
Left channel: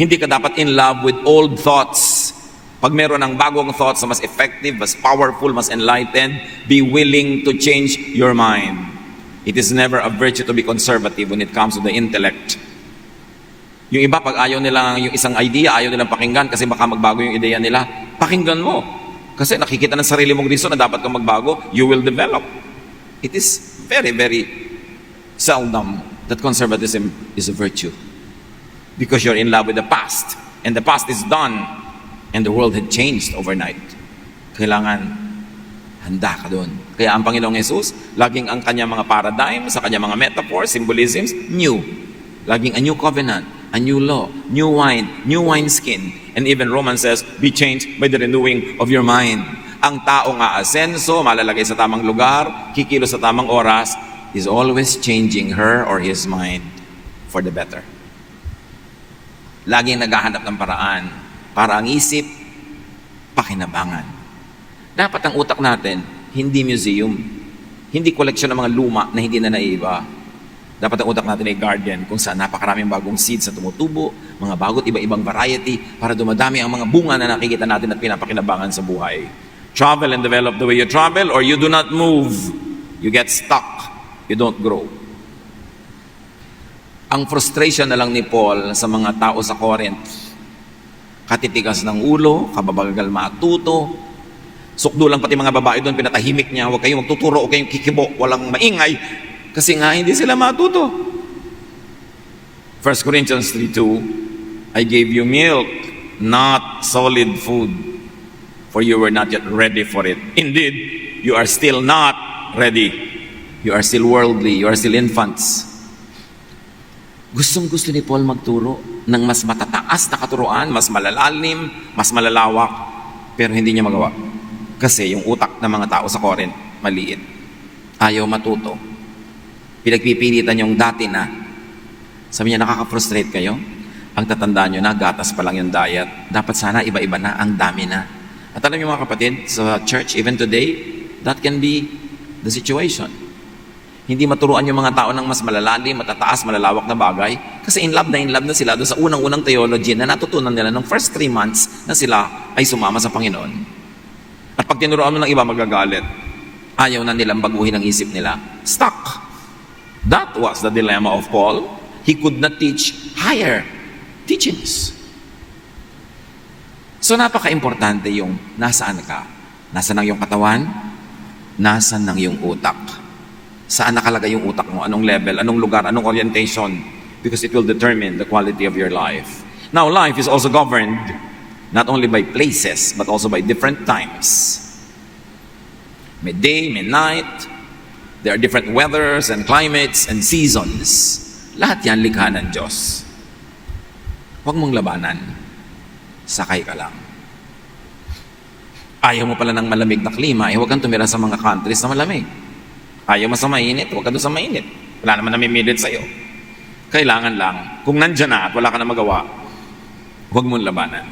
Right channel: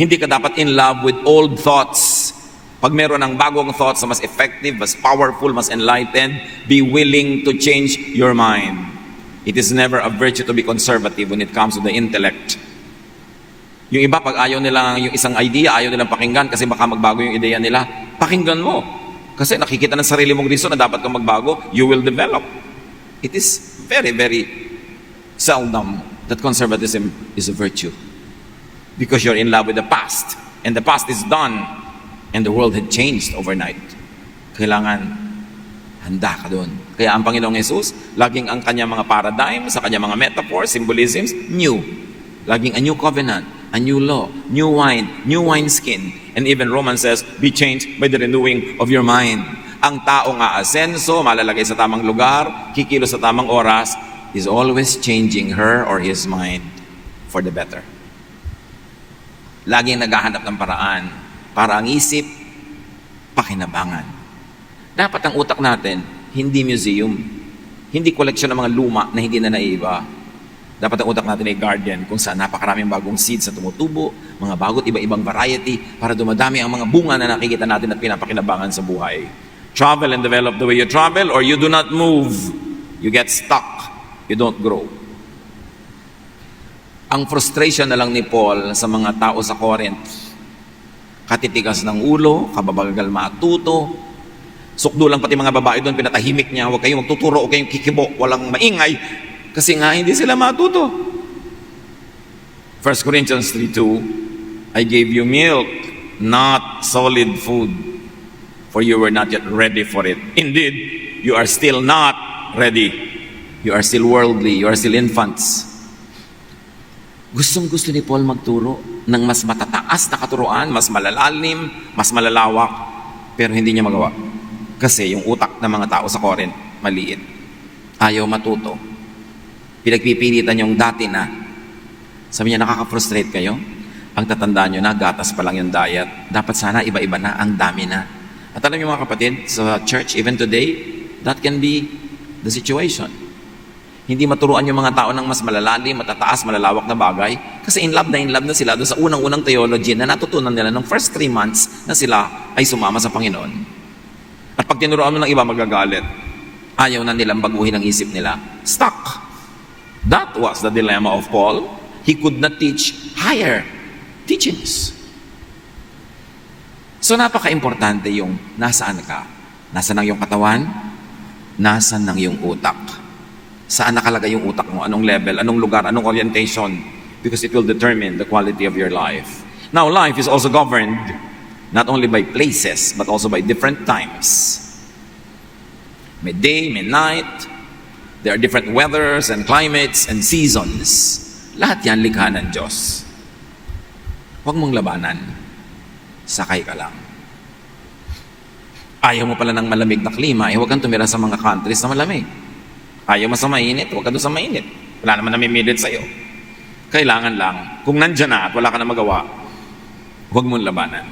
Hindi ka dapat in love with old thoughts. Pag meron ng bagong thoughts na mas effective, mas powerful, mas enlightened, be willing to change your mind. It is never a virtue to be conservative when it comes to the intellect. Yung iba, pag ayaw nila yung isang idea, ayaw nilang pakinggan kasi baka magbago yung ideya nila, pakinggan mo. Kasi nakikita ng sarili mong reason na dapat kang magbago, you will develop. It is very, very seldom that conservatism is a virtue. Because you're in love with the past. And the past is done. And the world had changed overnight. Kailangan handa ka doon. Kaya ang Panginoong Jesus, laging ang kanyang mga paradigm, sa kanyang mga metaphors, symbolisms, new. Laging a new covenant, a new law, new wine skin. And even Romans says, be changed by the renewing of your mind. Ang tao nga asenso, malalagay sa tamang lugar, kikilos sa tamang oras, is always changing her or his mind for the better. Laging naghahanap ng paraan para ang isip, pakinabangan. Dapat ang utak natin, hindi museum, hindi koleksyon ng mga luma na hindi na naiiba. Dapat ang utak natin ay garden kung saan napakaraming bagong seeds na tumutubo, mga bagot iba-ibang variety para dumadami ang mga bunga na nakikita natin at pinapakinabangan sa buhay. Travel and develop the way you travel or you do not move. You get stuck. You don't grow. Ang frustration na lang ni Paul sa mga tao sa Corinth, katitigas ng ulo, kababagal matuto, Sukdo lang pati mga babae doon, pinatahimik niya, huwag kayong magtuturo, huwag kayong kikibo, walang maingay. Kasi nga, hindi sila matuto. 1 Corinthians 3:2, I gave you milk, not solid food, for you were not yet ready for it. Indeed, you are still not ready. You are still worldly, you are still infants. Gustong-gusto ni Paul magturo ng mas matataas na katuruan, mas malalalim, mas malalawak, pero hindi niya magawa. Kasi yung utak ng mga tao sa Corinth, maliit. Ayaw matuto. Pinagpipilitan yung dati na, sabi niya, nakaka-frustrate kayo? Ang tatandaan nyo na, gatas pa lang yung diet. Dapat sana iba-iba na, ang dami na. At alam niyo mga kapatid, sa church even today, that can be the situation. Hindi maturuan yung mga tao ng mas malalalim, matataas, malalawak na bagay. Kasi in love na sila doon sa unang-unang theology na natutunan nila ng first 3 months na sila ay sumama sa Panginoon. At pag tinuruan mo ng iba, magagalit. Ayaw na nilang baguhin ang isip nila. Stuck. That was the dilemma of Paul. He could not teach higher teachings. So napaka-importante yung nasaan ka. Nasaan ang iyong katawan? Nasaan ang iyong utak? Saan nakalagay yung utak mo? Anong level? Anong lugar? Anong orientation? Because it will determine the quality of your life. Now, life is also governed not only by places, but also by different times. May day, may night. There are different weathers and climates and seasons. Lahat yan likha ng Diyos. Huwag mong labanan. Sakay ka lang. Ayaw mo pala ng malamig na klima, huwag kang tumira sa mga countries na malamig. Ayaw mo sa mainit, huwag ka doon sa mainit. Wala naman namimilit sa'yo. Kailangan lang, kung nandyan na at wala ka na magawa, huwag mong labanan.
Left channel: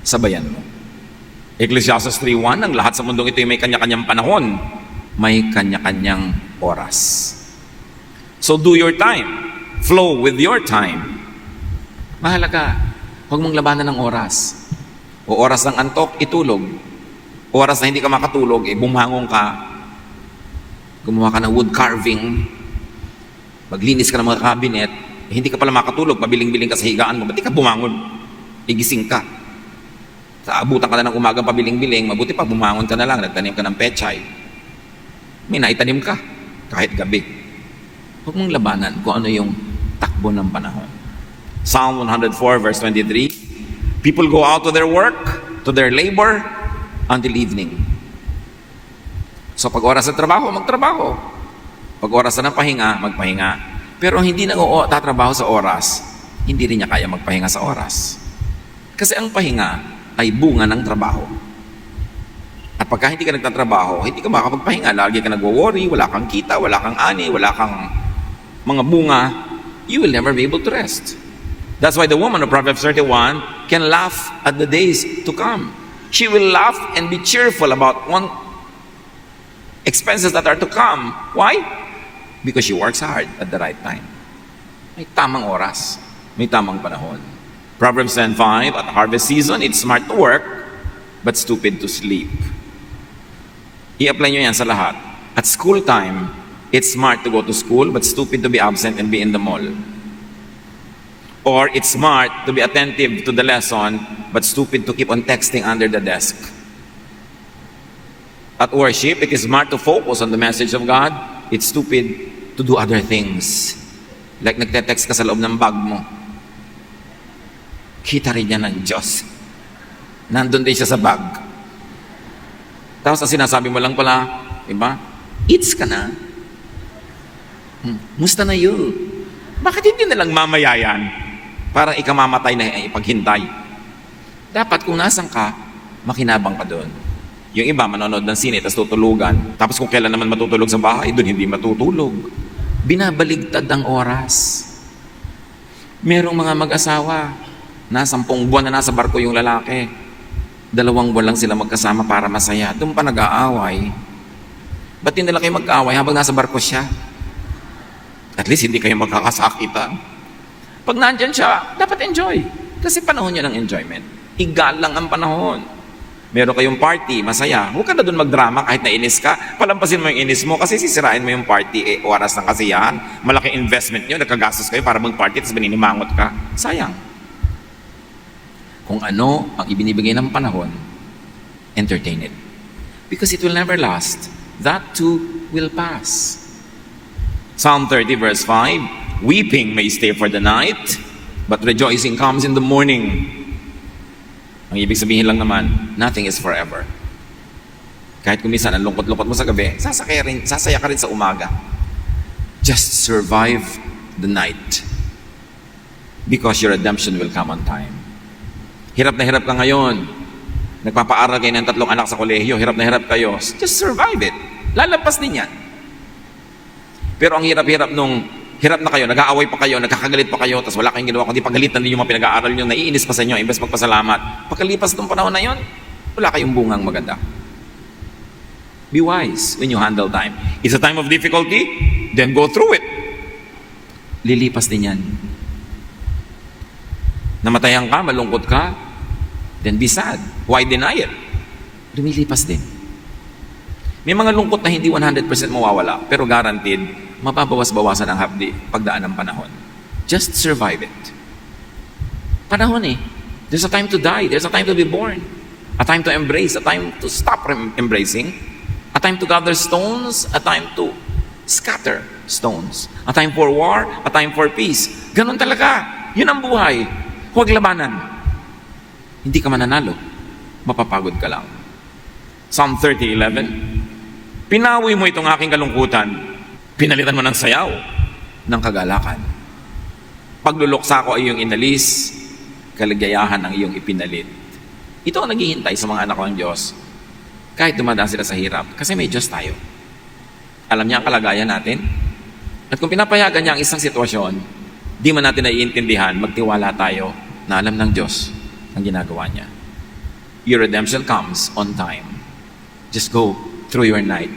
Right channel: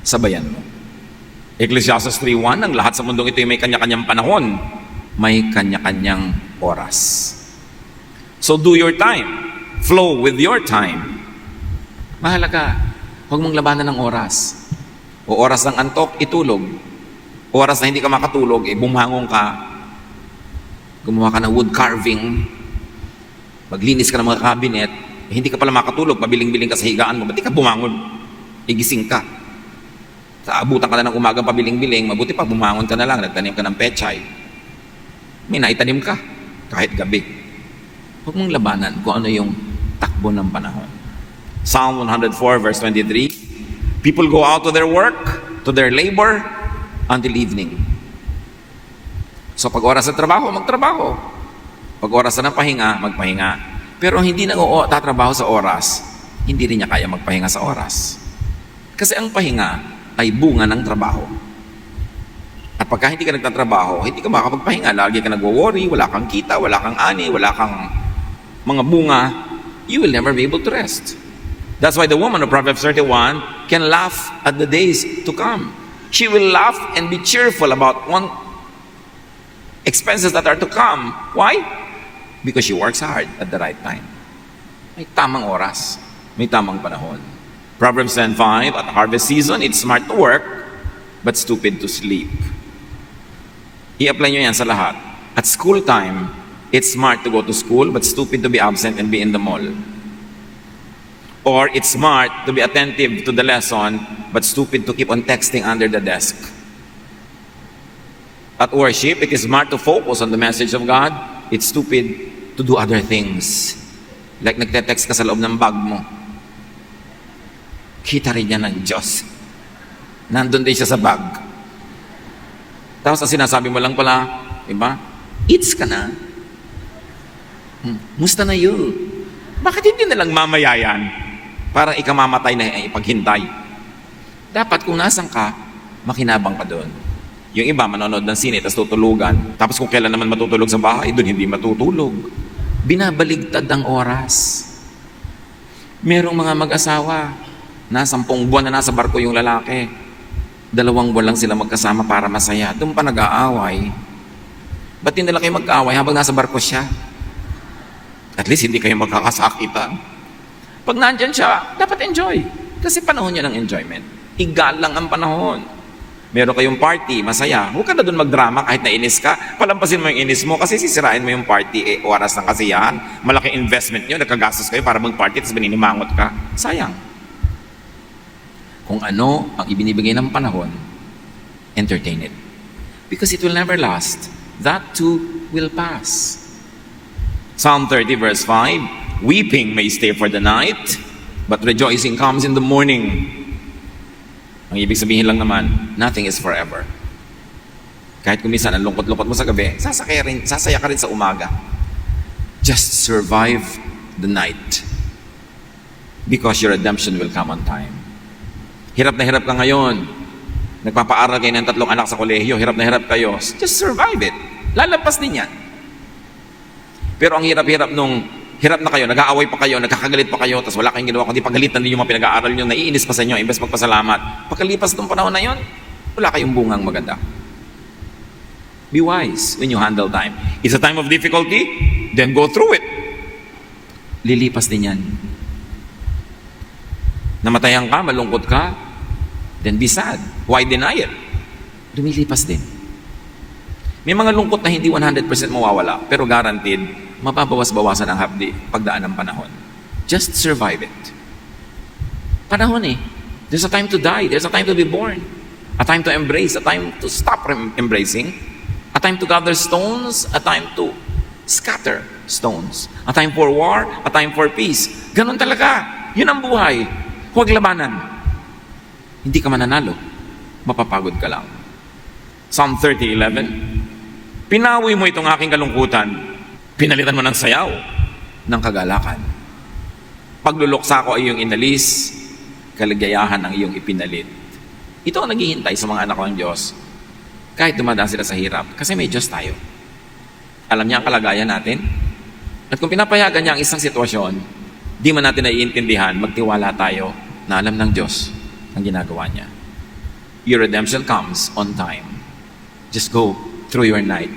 Sabayan mo. Ecclesiastes 3:1, ang lahat sa mundong ito ay may kanya-kanyang panahon. May kanya-kanyang oras. So do your time. Flow with your time. Mahalaga, huwag mong labanan ng oras. O oras ng antok, itulog. Oras na hindi ka makatulog, bumangon ka, gumawa ka ng wood carving, maglinis ka ng mga cabinet, hindi ka pala makatulog, pabiling-biling ka sa higaan mo, ba't di ka bumangon? Igising ka. Abutan ka na ng umagang pabiling-biling, mabuti pa bumangon ka na lang, nagtanim ka ng pechay. May naitanim ka, kahit gabi. Huwag mong labanan kung ano yung takbo ng panahon. Psalm 104 verse 23, people go out to their work, to their labor, until evening. So pag oras ng trabaho, magtrabaho. Pag oras na ng pahinga, magpahinga. Pero hindi na tatrabaho sa oras, hindi rin niya kaya magpahinga sa oras. Kasi ang pahinga ay bunga ng trabaho. At pagka hindi ka nagtatrabaho, hindi ka makakapagpahinga. Lagi ka nagwo-worry, wala kang kita, wala kang ani, wala kang mga bunga, you will never be able to rest. That's why the woman of Proverbs 31 can laugh at the days to come. She will laugh and be cheerful about expenses that are to come. Why? Because she works hard at the right time. May tamang oras. May tamang panahon. Proverbs 10:5, at harvest season, it's smart to work, but stupid to sleep. I-apply nyo yan sa lahat. At school time, it's smart to go to school, but stupid to be absent and be in the mall. Or it's smart to be attentive to the lesson, but stupid to keep on texting under the desk. At worship, it is smart to focus on the message of God. It's stupid to do other things. Like nagte-text ka sa loob ng bag mo. Kita rin niya ng Diyos. Nandun din siya sa bag. Tapos ang sinasabi mo lang pala, diba? Eats ka na. Musta na yun? Bakit hindi nilang mamayayan? Parang ikamamatay na ipaghintay. Dapat kung nasan ka, makinabang ka doon. Yung iba, manonood ng sine, tapos tutulugan. Tapos kung kailan naman matutulog sa bahay, doon hindi matutulog. Binabaligtad ang oras. Merong mga mag-asawa, na 10 buwan na nasa barko yung lalaki. 2 buwan lang sila magkasama para masaya. Doon pa nag-aaway. Ba't hindi lang kayo mag-aaway habang nasa barko siya? At least hindi kayo magkakasakitan. Pag nandyan siya, dapat enjoy. Kasi panahon niya ng enjoyment. Igal lang ang panahon. Meron kayong party, masaya. Huwag ka na doon magdrama kahit nainis ka. Palampasin mo yung inis mo kasi sisirain mo yung party. Oras ng kasiyahan. Malaki investment nyo. Nagkagastos kayo para mag-party kasi bininumangot ka. Sayang. Kung ano ang ibinibigay ng panahon, entertain it. because it will never last. That too will pass. Psalm 30 verse 5, weeping may stay for the night, but rejoicing comes in the morning. Ang ibig sabihin lang naman, nothing is forever. Kahit kung minsan ang lungkot-lungkot mo sa gabi, sasaya ka rin sa umaga. Just survive the night. Because your redemption will come on time. Hirap na hirap ka ngayon. Nagpapaaral kayo ng 3 anak sa kolehiyo, hirap na hirap kayo. Just survive it. Lalagpas din yan. Pero ang hirap-hirap nung hirap na kayo, nag-aaway pa kayo, nagkakagalit pa kayo, tapos wala kayong ginawa kundi pagalitan ninyo mga pinag-aaral nyo, naiinis pa sa inyo, imbes magpasalamat. Pagkalipas ng panahon na yon, wala kayong bungang maganda. Be wise when you handle time. It's a time of difficulty, then go through it. Lilipas din yan. Namatayan ka, malungkot ka, then be sad. Why deny it? Lumilipas din. May mga lungkot na hindi 100% mawawala, pero guaranteed, mapabawas-bawasan ang hapdi pagdaan ng panahon. Just survive it. Panahon eh. There's a time to die. There's a time to be born. A time to embrace. A time to stop embracing. A time to gather stones, a time to scatter stones. A time for war, a time for peace. Ganon talaga. Yun ang buhay. Huwag labanan. Hindi ka mananalo. Mapapagod ka lang. Psalm 30:11. Pinawi mo itong aking kalungkutan. Pinalitan mo ng sayaw ng kagalakan. Pagluluksa ko ay iyong inalis. Kaligayahan ang iyong ipinalit. Ito ang naghihintay sa mga anak ko ng Diyos. Kahit dumadaan sila sa hirap, kasi may Diyos tayo. Alam niya ang kalagayan natin. At kung pinapayagan niya ang isang sitwasyon, di man natin naiintindihan, magtiwala tayo na alam ng Diyos ang ginagawa niya. Your redemption comes on time. Just go through your night.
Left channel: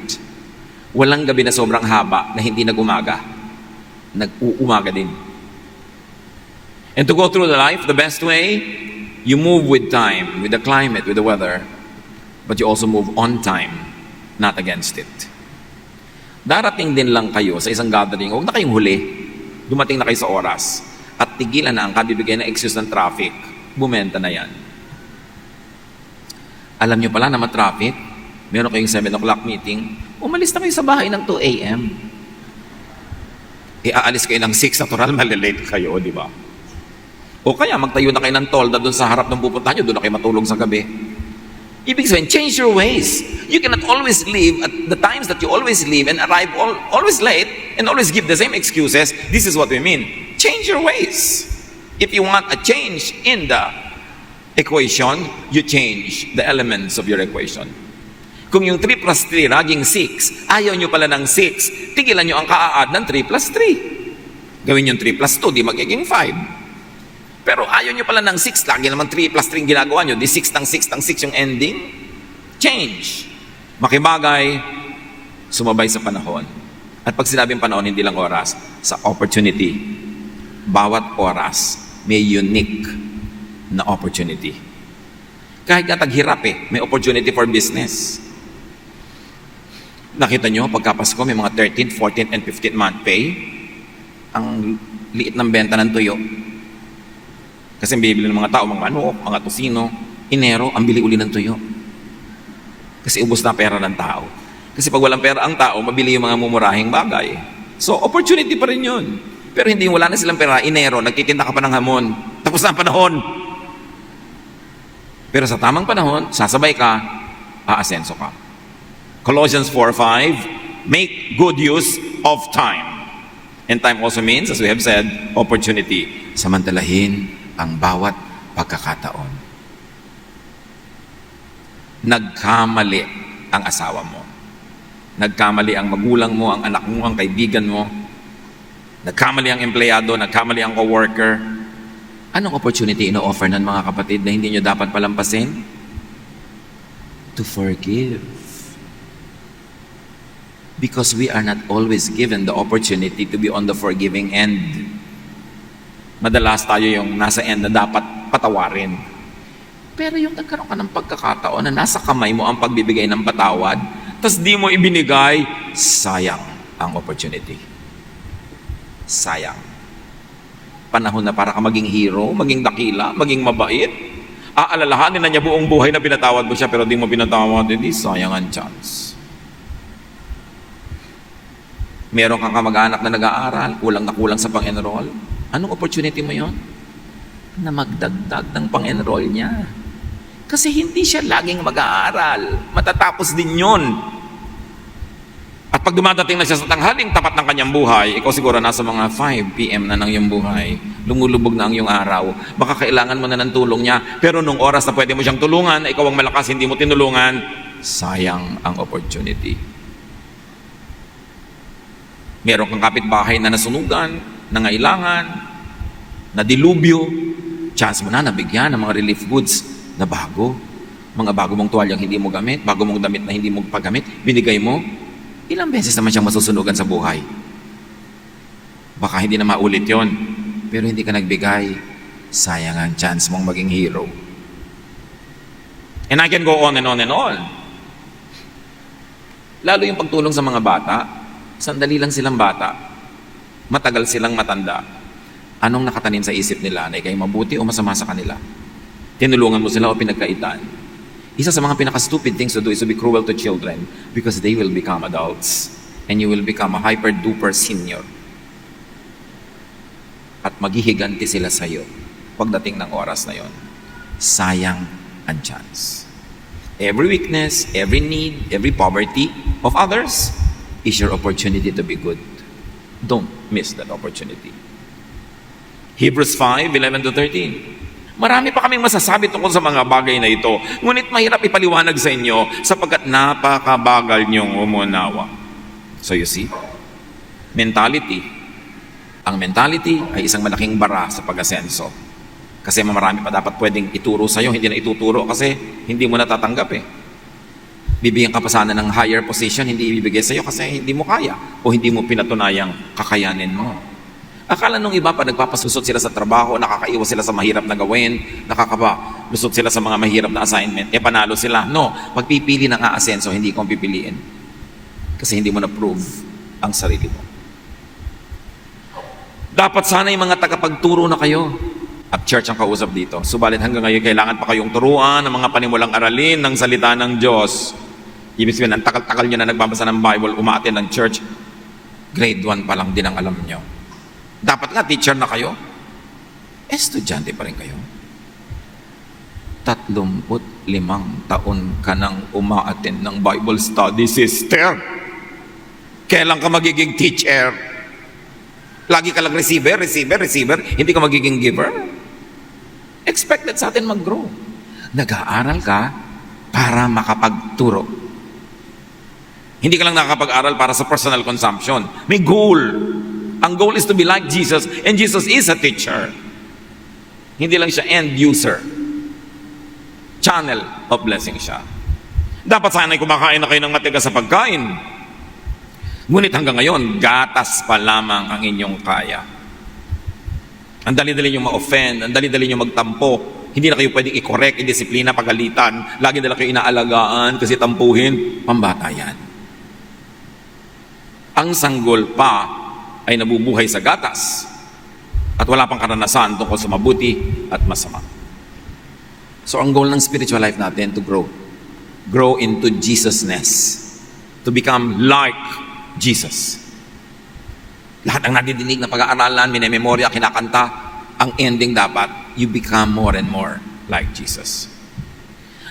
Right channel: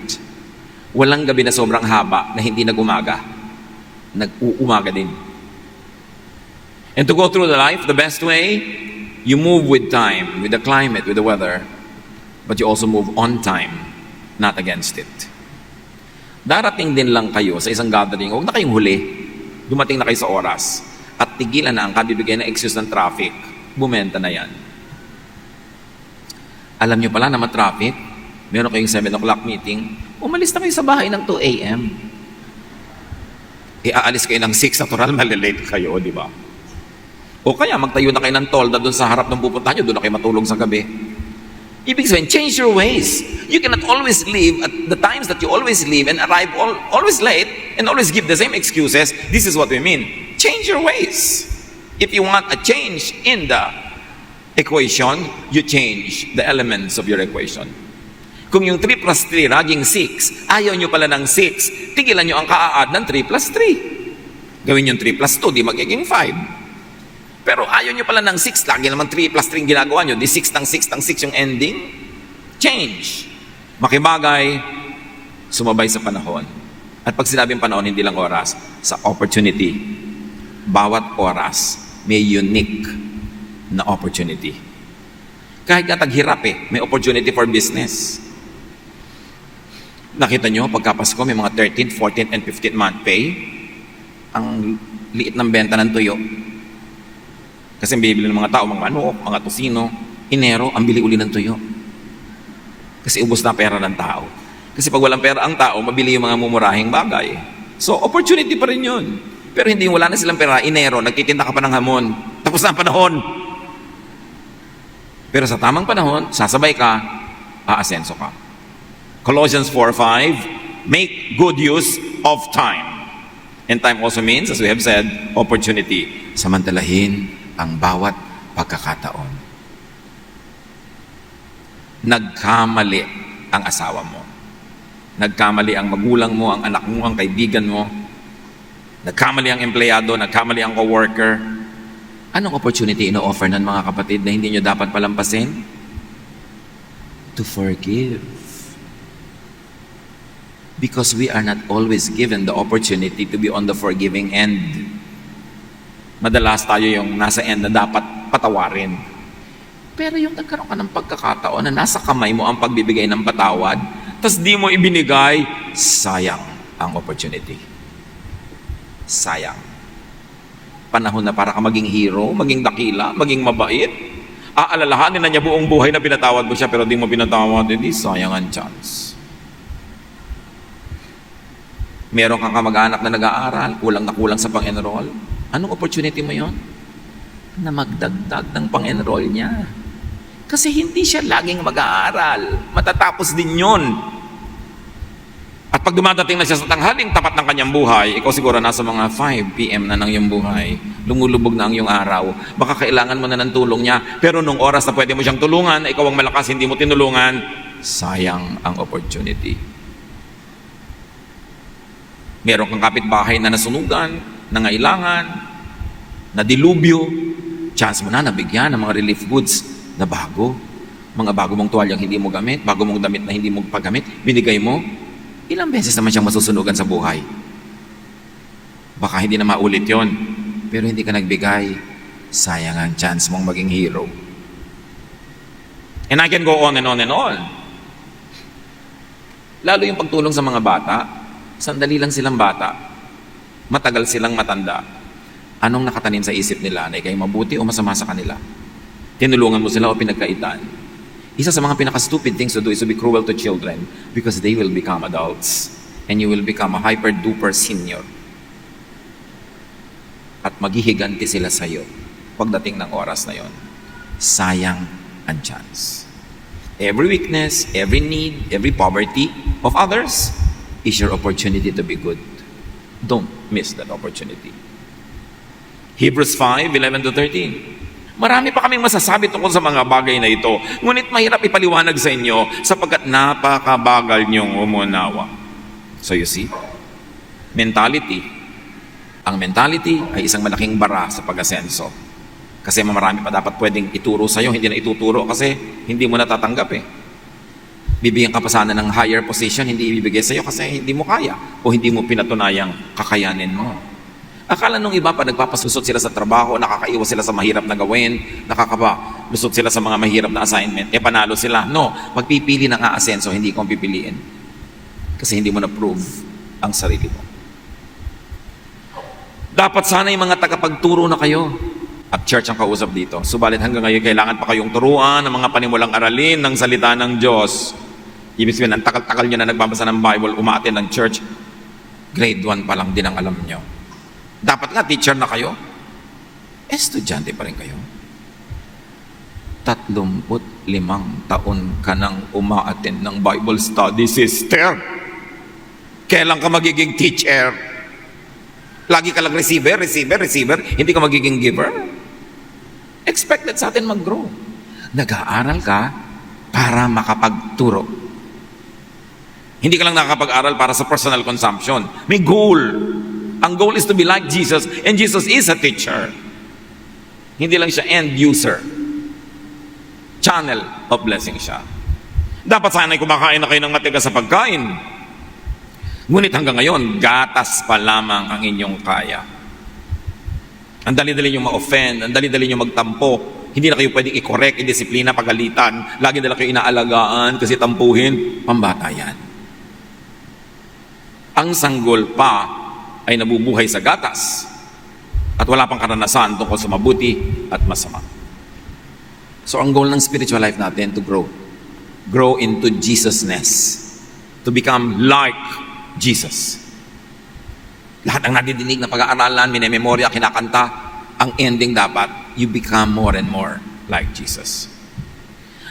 Walang gabi na sobrang haba na hindi nag-umaga. Nag-uumaga din. And to go through the life, the best way, you move with time, with the climate, with the weather. But you also move on time, not against it. Darating din lang kayo sa isang gathering, huwag na kayong huli. Dumating na kayo sa oras. At tigilan na ang kabibigay na excuse ng traffic. Bumenta na yan. Alam nyo pala na ma-traffic, meron kayong 7 o'clock meeting, umalis na kayo sa bahay ng 2 a.m. Aalis kayo ng 6, natural, malilate kayo, di ba? O kaya magtayo na kayo ng tolda doon sa harap ng pupuntahan nyo, doon na kayo matulog sa gabi. Ibig sabihin, change your ways. You cannot always live at the times that you always live and arrive always late and always give the same excuses. This is what we mean. Change your ways. If you want a change in the equation, you change the elements of your equation. Kung yung 3 plus 3 naging 6, ayaw nyo pala ng 6, tigilan nyo ang ka-add ng 3 plus 3. Gawin yung 3 plus 2, di magiging 5. Pero ayaw nyo pala ng 6, lagi naman 3 plus 3 ginagawa nyo, di 6 ng 6 ng 6 yung ending. Change. Makibagay, sumabay sa panahon. At pag sinabing panahon, hindi lang oras, sa opportunity. Bawat oras, may unique na opportunity. Kahit nga taghirap may opportunity for business. Nakita nyo, pagkapasko, may mga 13th, 14th, and 15th month pay. Ang liit ng benta ng tuyo. Kasi bibili ng mga tao, mga manok, mga tosino, Enero, ang bili uli ng tuyo. Kasi ubos na pera ng tao. Kasi pag walang pera ang tao, mabili yung mga mumurahing bagay. So, opportunity pa rin yun. Pero hindi, wala na silang pera. Enero, nagtitinda ka pa ng hamon. Tapos na ang panahon. Pero sa tamang panahon, sasabay ka, aasenso ka. Colossians 4:5, make good use of time. And time also means, as we have said, opportunity. Samantalahin ang bawat pagkakataon. Nagkamali ang asawa mo. Nagkamali ang magulang mo, ang anak mo, ang kaibigan mo. Nagkamali ang empleyado, nagkamali ang co-worker. Anong opportunity ino-offer ng mga kapatid na hindi nyo dapat palampasin? To forgive. Because we are not always given the opportunity to be on the forgiving end. Madalas tayo yung nasa end na dapat patawarin. Pero yung nagkaroon ka ng pagkakataon na nasa kamay mo ang pagbibigay ng patawad, tas di mo ibinigay, sayang ang opportunity. Sayang. Panahon na para ka maging hero, maging dakila, maging mabait. Aalalahanin na niya buong buhay na pinatawad mo siya, pero di mo pinatawad, hindi sayang ang chance. Meron kang kamag-anak na nag-aaral, kulang na kulang sa pang-enroll. Anong opportunity mo yon? Na magdagdag ng pang-enroll niya. Kasi hindi siya laging mag-aaral. Matatapos din yon. At pag dumadating na siya sa tanghaling tapat ng kanyang buhay, ikaw siguro nasa mga 5 p.m. na ng iyong buhay, lumulubog na ang iyong araw, baka kailangan mo na ng tulong niya, pero nung oras na pwede mo siyang tulungan, ikaw ang malakas, hindi mo tinulungan, sayang ang opportunity. Meron kang kapitbahay na nasunugan, nangailangan, nadilubyo, chance mo na nabigyan ng mga relief goods na bago. Mga bago mong tuwalyang hindi mo gamit, bago mong damit na hindi mo paggamit, binigay mo. Ilang beses naman siyang masusunugan sa buhay. Baka hindi na maulit yon, pero hindi ka nagbigay, sayang ang chance mong maging hero. And I can go on and on and on. Lalo yung pagtulong sa mga bata, sandali lang silang bata, matagal silang matanda. Anong nakatanim sa isip nila? Ay kayo mabuti o masama sa kanila? Tinulungan mo sila o pinagkaitan. Isa sa mga pinaka-stupid things to do is to be cruel to children because they will become adults and you will become a hyper-duper senior. At maghihiganti sila sa iyo pagdating ng oras na yon. Sayang ang chance. Every weakness, every need, every poverty of others is your opportunity to be good. Don't miss that opportunity. Hebrews 5:11-13. Marami pa kaming masasabi tungkol sa mga bagay na ito. Ngunit mahirap ipaliwanag sa inyo sapagkat napakabagal niyong umunawa. So you see, mentality. Ang mentality ay isang malaking bara sa pag-asenso. Kasi marami pa dapat pwedeng ituro sa iyo, hindi na ituturo kasi hindi mo natatanggap eh. Bibigyan ka pa sana ng higher position, hindi ibibigay sa iyo kasi hindi mo kaya o hindi mo pinatunayang kakayanin mo. Akala nung iba pa nagpapasusot sila sa trabaho, nakakaiwas sila sa mahirap na gawin, nakakalusot sila sa mga mahirap na assignment, panalo sila. No, magpipili ng aasenso, hindi kong pipiliin. Kasi hindi mo na-prove ang sarili mo. Dapat sana yung mga tagapagturo na kayo at church ang kausap dito. Subalit hanggang ngayon, kailangan pa kayong turuan ng mga panimulang aralin ng salita ng Diyos. Ibig sabihin, ang takal-takal nyo na nagbabasa ng Bible, umaattend ng church, grade 1 pa lang din ang alam nyo. Dapat na teacher na kayo. Estudyante pa rin kayo. 35 taon ka nang umaattend ng Bible study, sister. Kailan ka magiging teacher? Lagi ka lang receiver. Hindi ka magiging giver. Expected sa atin mag-grow. Nag-aaral ka para makapagturo. Hindi ka lang nakakapag-aral para sa personal consumption. May goal. Ang goal is to be like Jesus, and Jesus is a teacher. Hindi lang siya end user. Channel of blessing siya. Dapat sana'y kumakain na kayo ng matigas sa pagkain. Ngunit hanggang ngayon, gatas pa lamang ang inyong kaya. Ang dali-dali nyo ma-offend, ang dali-dali nyo magtampo. Hindi na kayo pwedeng i-correct, i-disiplina, pagalitan. Lagi nila kayo inaalagaan kasi tampuhin. Pambata yan. Ang sanggol pa ay nabubuhay sa gatas at wala pang karanasan tungkol sa mabuti at masama. So ang goal ng spiritual life natin to grow into Jesusness, to become like Jesus. Lahat ng nadidinig na pag-aaralan, minememorya, kinakanta, ang ending dapat, you become more and more like Jesus.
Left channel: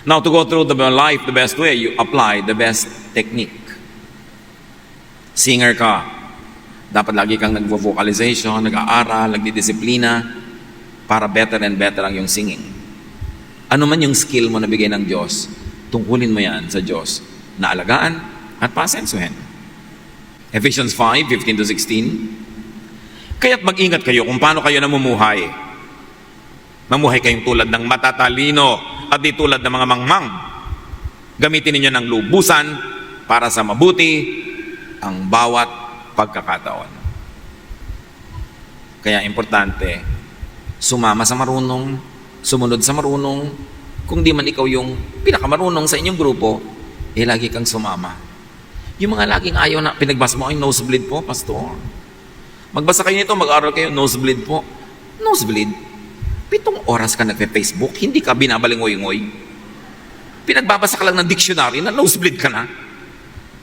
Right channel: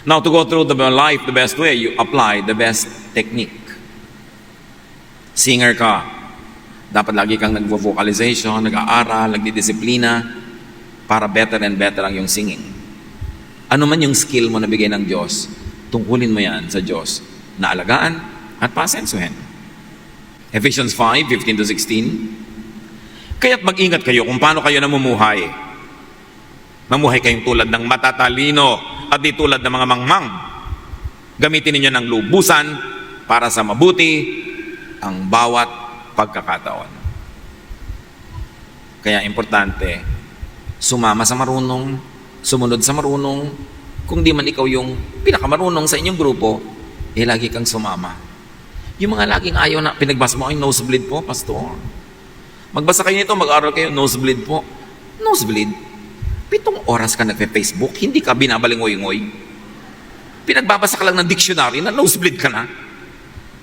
Now to go through the life the best way, you apply the best technique. Singer ka, dapat lagi kang nag-vocalization, nag-aaral, nagdidisiplina para better and better ang yung singing. Ano man yung skill mo na bigay ng Diyos, tungkulin mo yan sa Diyos na alagaan at pasensuhin. Ephesians 5:15-16. Kaya't mag-ingat kayo kung paano kayo namumuhay. Mamuhay kayong tulad ng matatalino at di tulad ng mga mangmang. Gamitin ninyo ng lubusan para sa mabuti ang bawat pagkakataon. Kaya importante, sumama sa marunong, sumunod sa marunong. Kung di man ikaw yung pinakamarunong sa inyong grupo, lagi kang sumama. Yung mga laging ayaw na pinagbasa mo ay nosebleed po, pastor. Magbasa kayo nito, mag-aral kayo, nosebleed po. Nosebleed. 7 oras ka nagpe-Facebook, hindi ka binabalingoy-ngoy. Pinagbabasa ka lang ng dictionary na nosebleed ka na.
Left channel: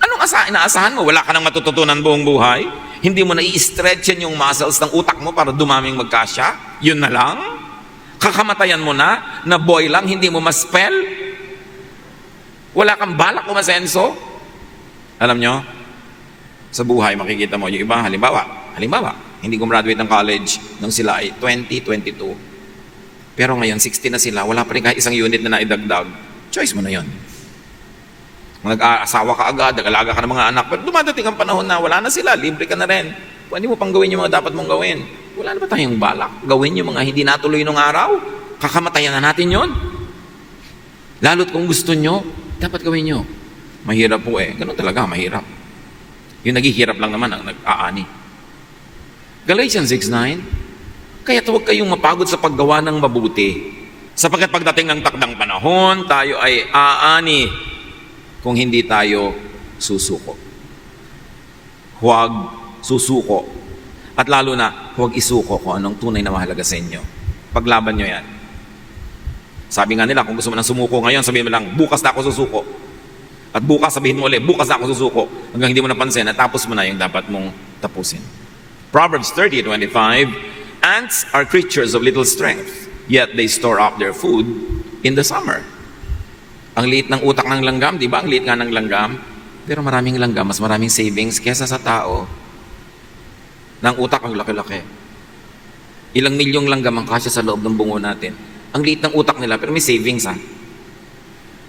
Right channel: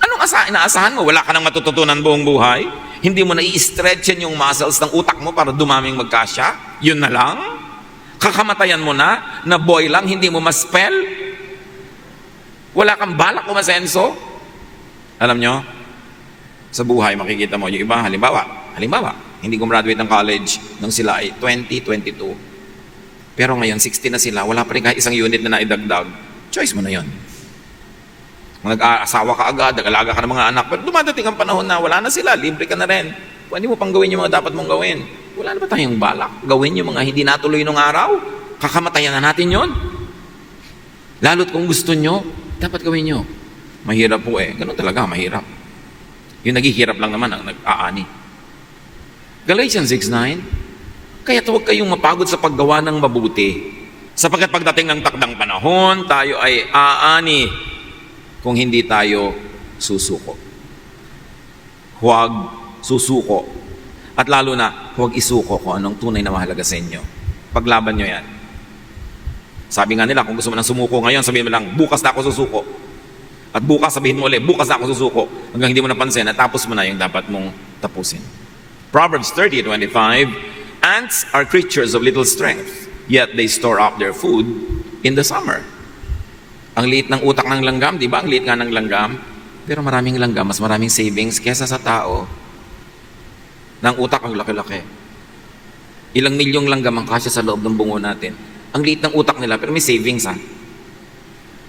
Anong inaasahan mo? Wala ka nang matututunan buong buhay? Hindi mo na i-stretchan yung muscles ng utak mo para dumaming magkasya? Yun na lang? Kakamatayan mo na boy lang, hindi mo ma-spell? Wala kang balak umasenso? Alam nyo, sa buhay makikita mo yung iba, halimbawa, hindi gumraduate ng college nang sila ay 20, 22. Pero ngayon, 60 na sila, wala pa rin kahit isang unit na naidagdag. Choice mo na yun. Nag-aasawa ka agad, nag-alaga ka ng mga anak, pero dumadating ang panahon na wala na sila, libre ka na rin. Pwede mo pang gawin yung mga dapat mong gawin. Wala na ba tayong balak? Gawin yung mga hindi natuloy nung araw? Kakamatayan na natin yun. Lalo't kung gusto nyo, dapat gawin nyo. Mahirap po eh. Ganun talaga, mahirap. Yung naghihirap lang naman ang nag-aani. Galatians 6:9, kaya huwag kayong mapagod sa paggawa ng mabuti. Sapagkat pagdating ng takdang panahon, tayo ay aani kung hindi tayo susuko. Huwag susuko. At lalo na, huwag isuko kung anong tunay na mahalaga sa inyo. Paglaban nyo yan. Sabi nga nila, kung gusto mo nang sumuko ngayon, sabihin mo lang, bukas na ako susuko. At bukas, sabihin mo ulit, bukas na ako susuko. Hanggang hindi mo napansin, natapos mo na yung dapat mong tapusin. Proverbs 30:25, ants are creatures of little strength, yet they store up their food in the summer. Ang liit ng utak ng langgam, di ba? Ang liit nga ng langgam. Pero maraming langgam, mas maraming savings kesa sa tao. Ng utak ang laki-laki. Ilang milyong langgam ang kasya sa loob ng bungo natin. Ang liit ng utak nila, pero may savings ha.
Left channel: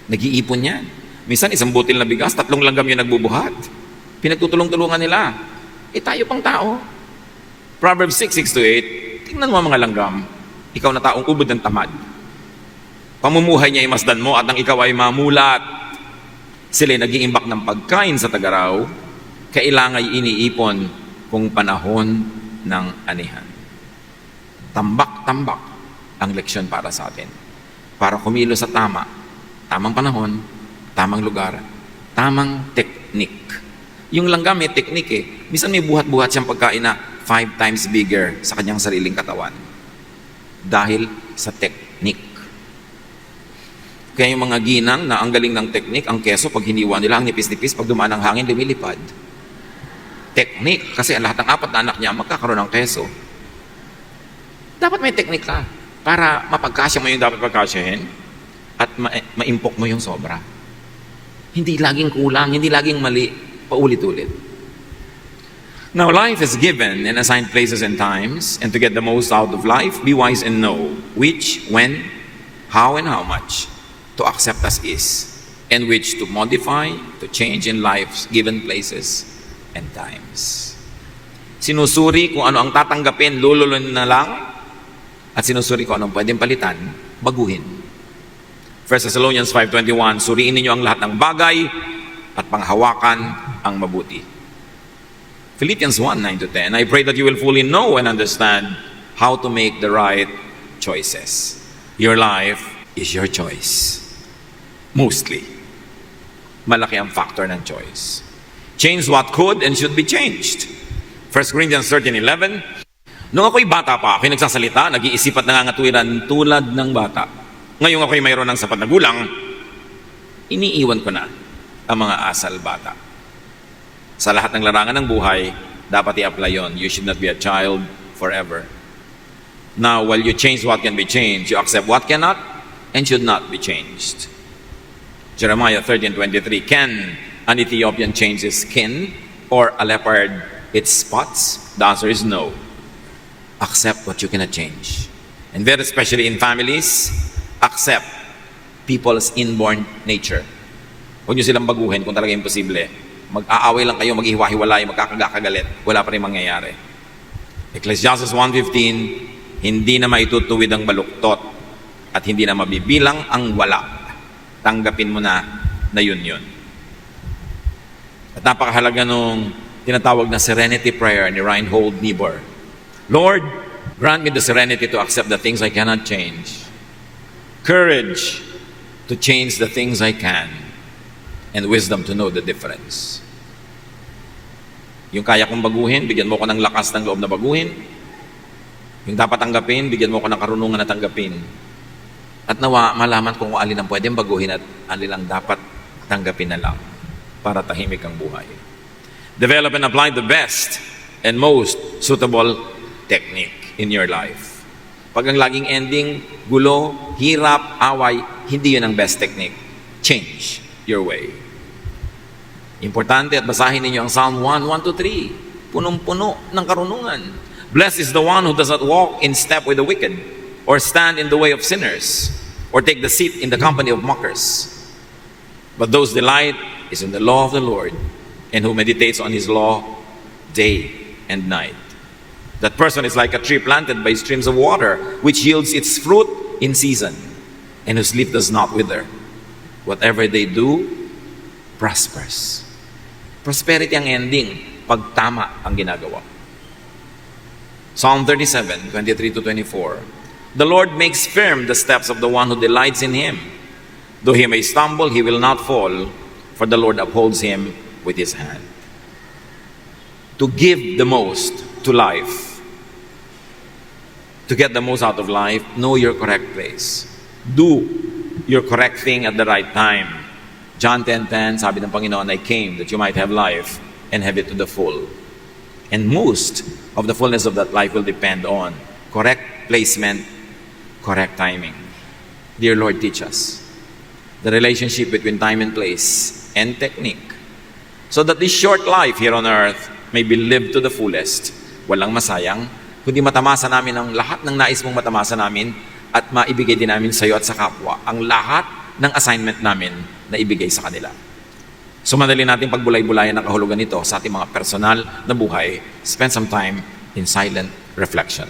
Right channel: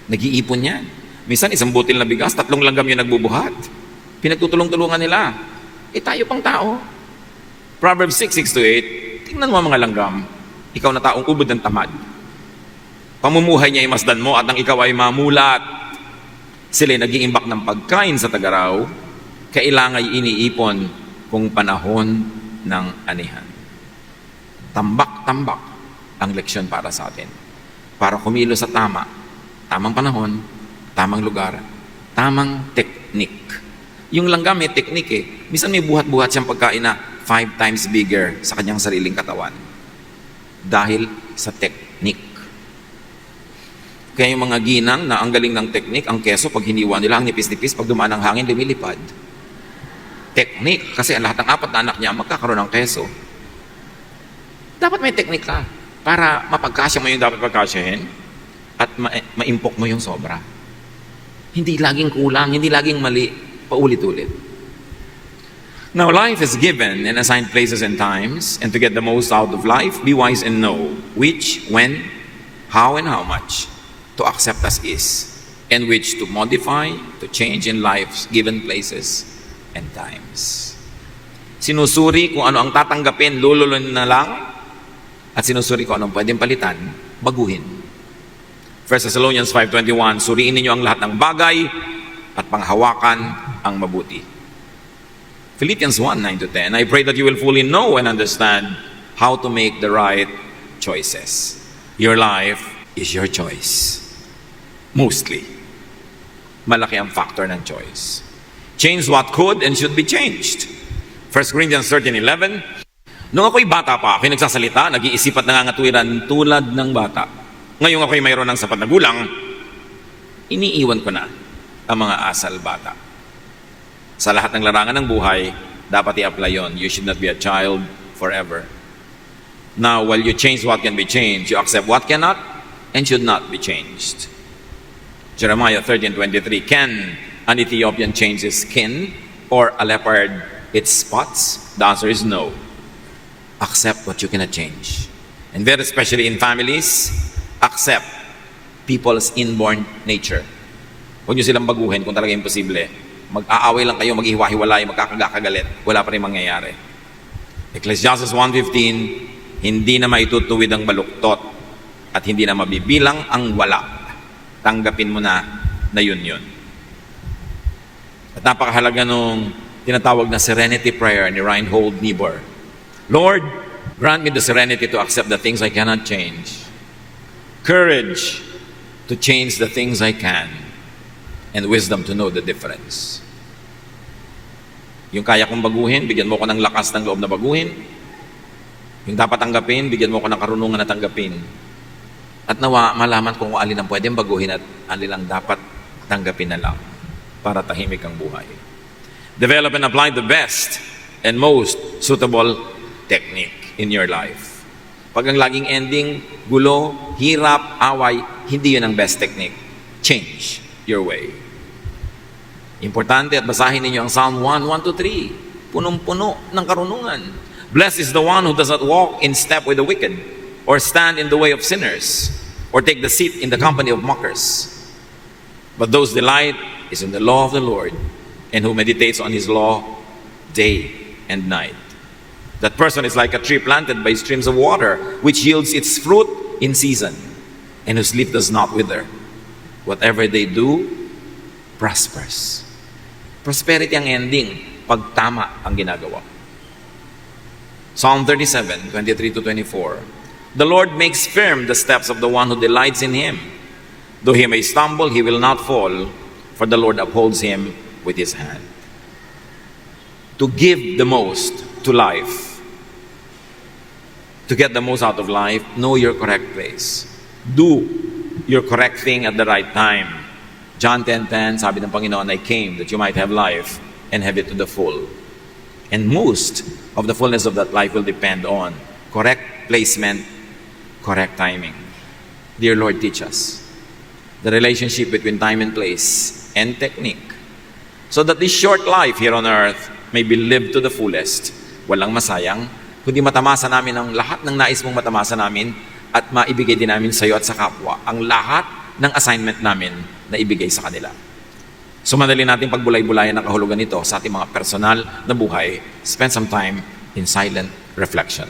Nag-iipon yan. Minsan, isang butil na bigas, 3 langgam yung nagbubuhat. Pinagtutulong-tulungan nila. Tayo pang tao. Proverbs 6:6-8, tingnan mo mga langgam. Ikaw na taong ubod ng tamad. Pamumuhay niya ay masdan mo at ang ikaw ay mamulat. Sila'y nag-iimbak ng pagkain sa tagaraw, kailangan ay iniipon kung panahon ng anihan. Tambak-tambak ang leksyon para sa atin. Para kumilos sa tamang panahon, tamang lugar, tamang teknik. Yung langgam may teknik eh. Minsan may buhat-buhat siyang pagkain na 5 times bigger sa kanyang sariling katawan. Dahil sa teknik. Kaya yung mga ginang na ang galing ng teknik, ang keso, pag hiniwa nila, ang nipis-nipis, pag dumaan ang hangin, lumilipad. Teknik, kasi lahat ng 4 na anak niya magkakaroon ng keso. Dapat may teknik ka para mapagkasya mo yung dapat pagkasyahin at maimpok mo yung sobra. Hindi laging kulang, hindi laging mali, paulit-ulit. Now, life is given and assigned places and times, and to get the most out of life, be wise and know which, when, how, and how much to accept as is, and which to modify, to change in life's given places and times. Sinusuri kung ano ang tatanggapin, lululun na lang, at sinusuri kung anong pwedeng palitan, baguhin. 1 Thessalonians 5:21, suriin ninyo ang lahat ng bagay at panghawakan ang mabuti. Philippians 1:9-10, I pray that you will fully know and understand how to make the right choices. Your life is your choice. Mostly. Malaki ang factor ng choice. Change what could and should be changed. 1 Corinthians 13:11, nung ako'y bata pa, ako'y nagsasalita, nag-iisip at nangangatwiran tulad ng bata. Ngayong ako'y mayroon ng sapat na gulang, iniiwan ko na ang mga asal bata. Sa lahat ng larangan ng buhay, dapat i-apply yon. You should not be a child forever. Now, while you change what can be changed, you accept what cannot and should not be changed. Jeremiah 13:23, can an Ethiopian change his skin or a leopard its spots? The answer is no. Accept what you cannot change. And very especially in families, accept people's inborn nature. Huwag nyo silang baguhin kung talaga imposible. Mag-aaway lang kayo, mag-ihiwa-hiwalay, magkakagalit. Wala pa rin mangyayari. Ecclesiastes 1:15, hindi na maitutuwid ang baluktot at hindi na mabibilang ang wala. Tanggapin mo na yun. At napakahalaga nung tinatawag na serenity prayer ni Reinhold Niebuhr. Lord, grant me the serenity to accept the things I cannot change. Courage to change the things I can. And wisdom to know the difference. Yung kaya kong baguhin, bigyan mo ko ng lakas ng loob na baguhin. Yung dapat tanggapin, bigyan mo ko ng karunungan na tanggapin. At nawa, malaman ko kung alin ang pwedeng baguhin at alin ang dapat tanggapin na lang para tahimik ang buhay. Develop and apply the best and most suitable technique in your life. Pag ang laging ending, gulo, hirap, away, hindi yun ang best technique. Change your way. Importante at basahin ninyo ang Psalm 1, 1-3. Punong-puno ng karunungan. Blessed is the one who does not walk in step with the wicked, or stand in the way of sinners, or take the seat in the company of mockers. But those delight is in the law of the Lord, and who meditates on his law day and night. That person is like a tree planted by streams of water, which yields its fruit in season, and whose leaf does not wither. Whatever they do, prospers. Prosperity ang ending pag tama ang ginagawa. Psalm 37, 23-24. The Lord makes firm the steps of the one who delights in him. Though he may stumble, he will not fall, for the Lord upholds him with his hand. To give the most to life, to get the most out of life, know your correct place. Do your correct thing at the right time. John 10:10, sabi ng Panginoon, I came that you might have life and have it to the full. And most of the fullness of that life will depend on correct placement, correct timing. Dear Lord, teach us the relationship between time and place and technique, so that this short life here on earth may be lived to the fullest. Walang masayang, kundi matamasa namin ang lahat ng nais mong matamasa namin at maibigay din namin sa iyo at sa kapwa ang lahat ng assignment namin na ibigay sa kanila. So madali natin pagbulay-bulayan ang kahulugan nito sa ating mga personal na buhay. Spend some time in silent reflection.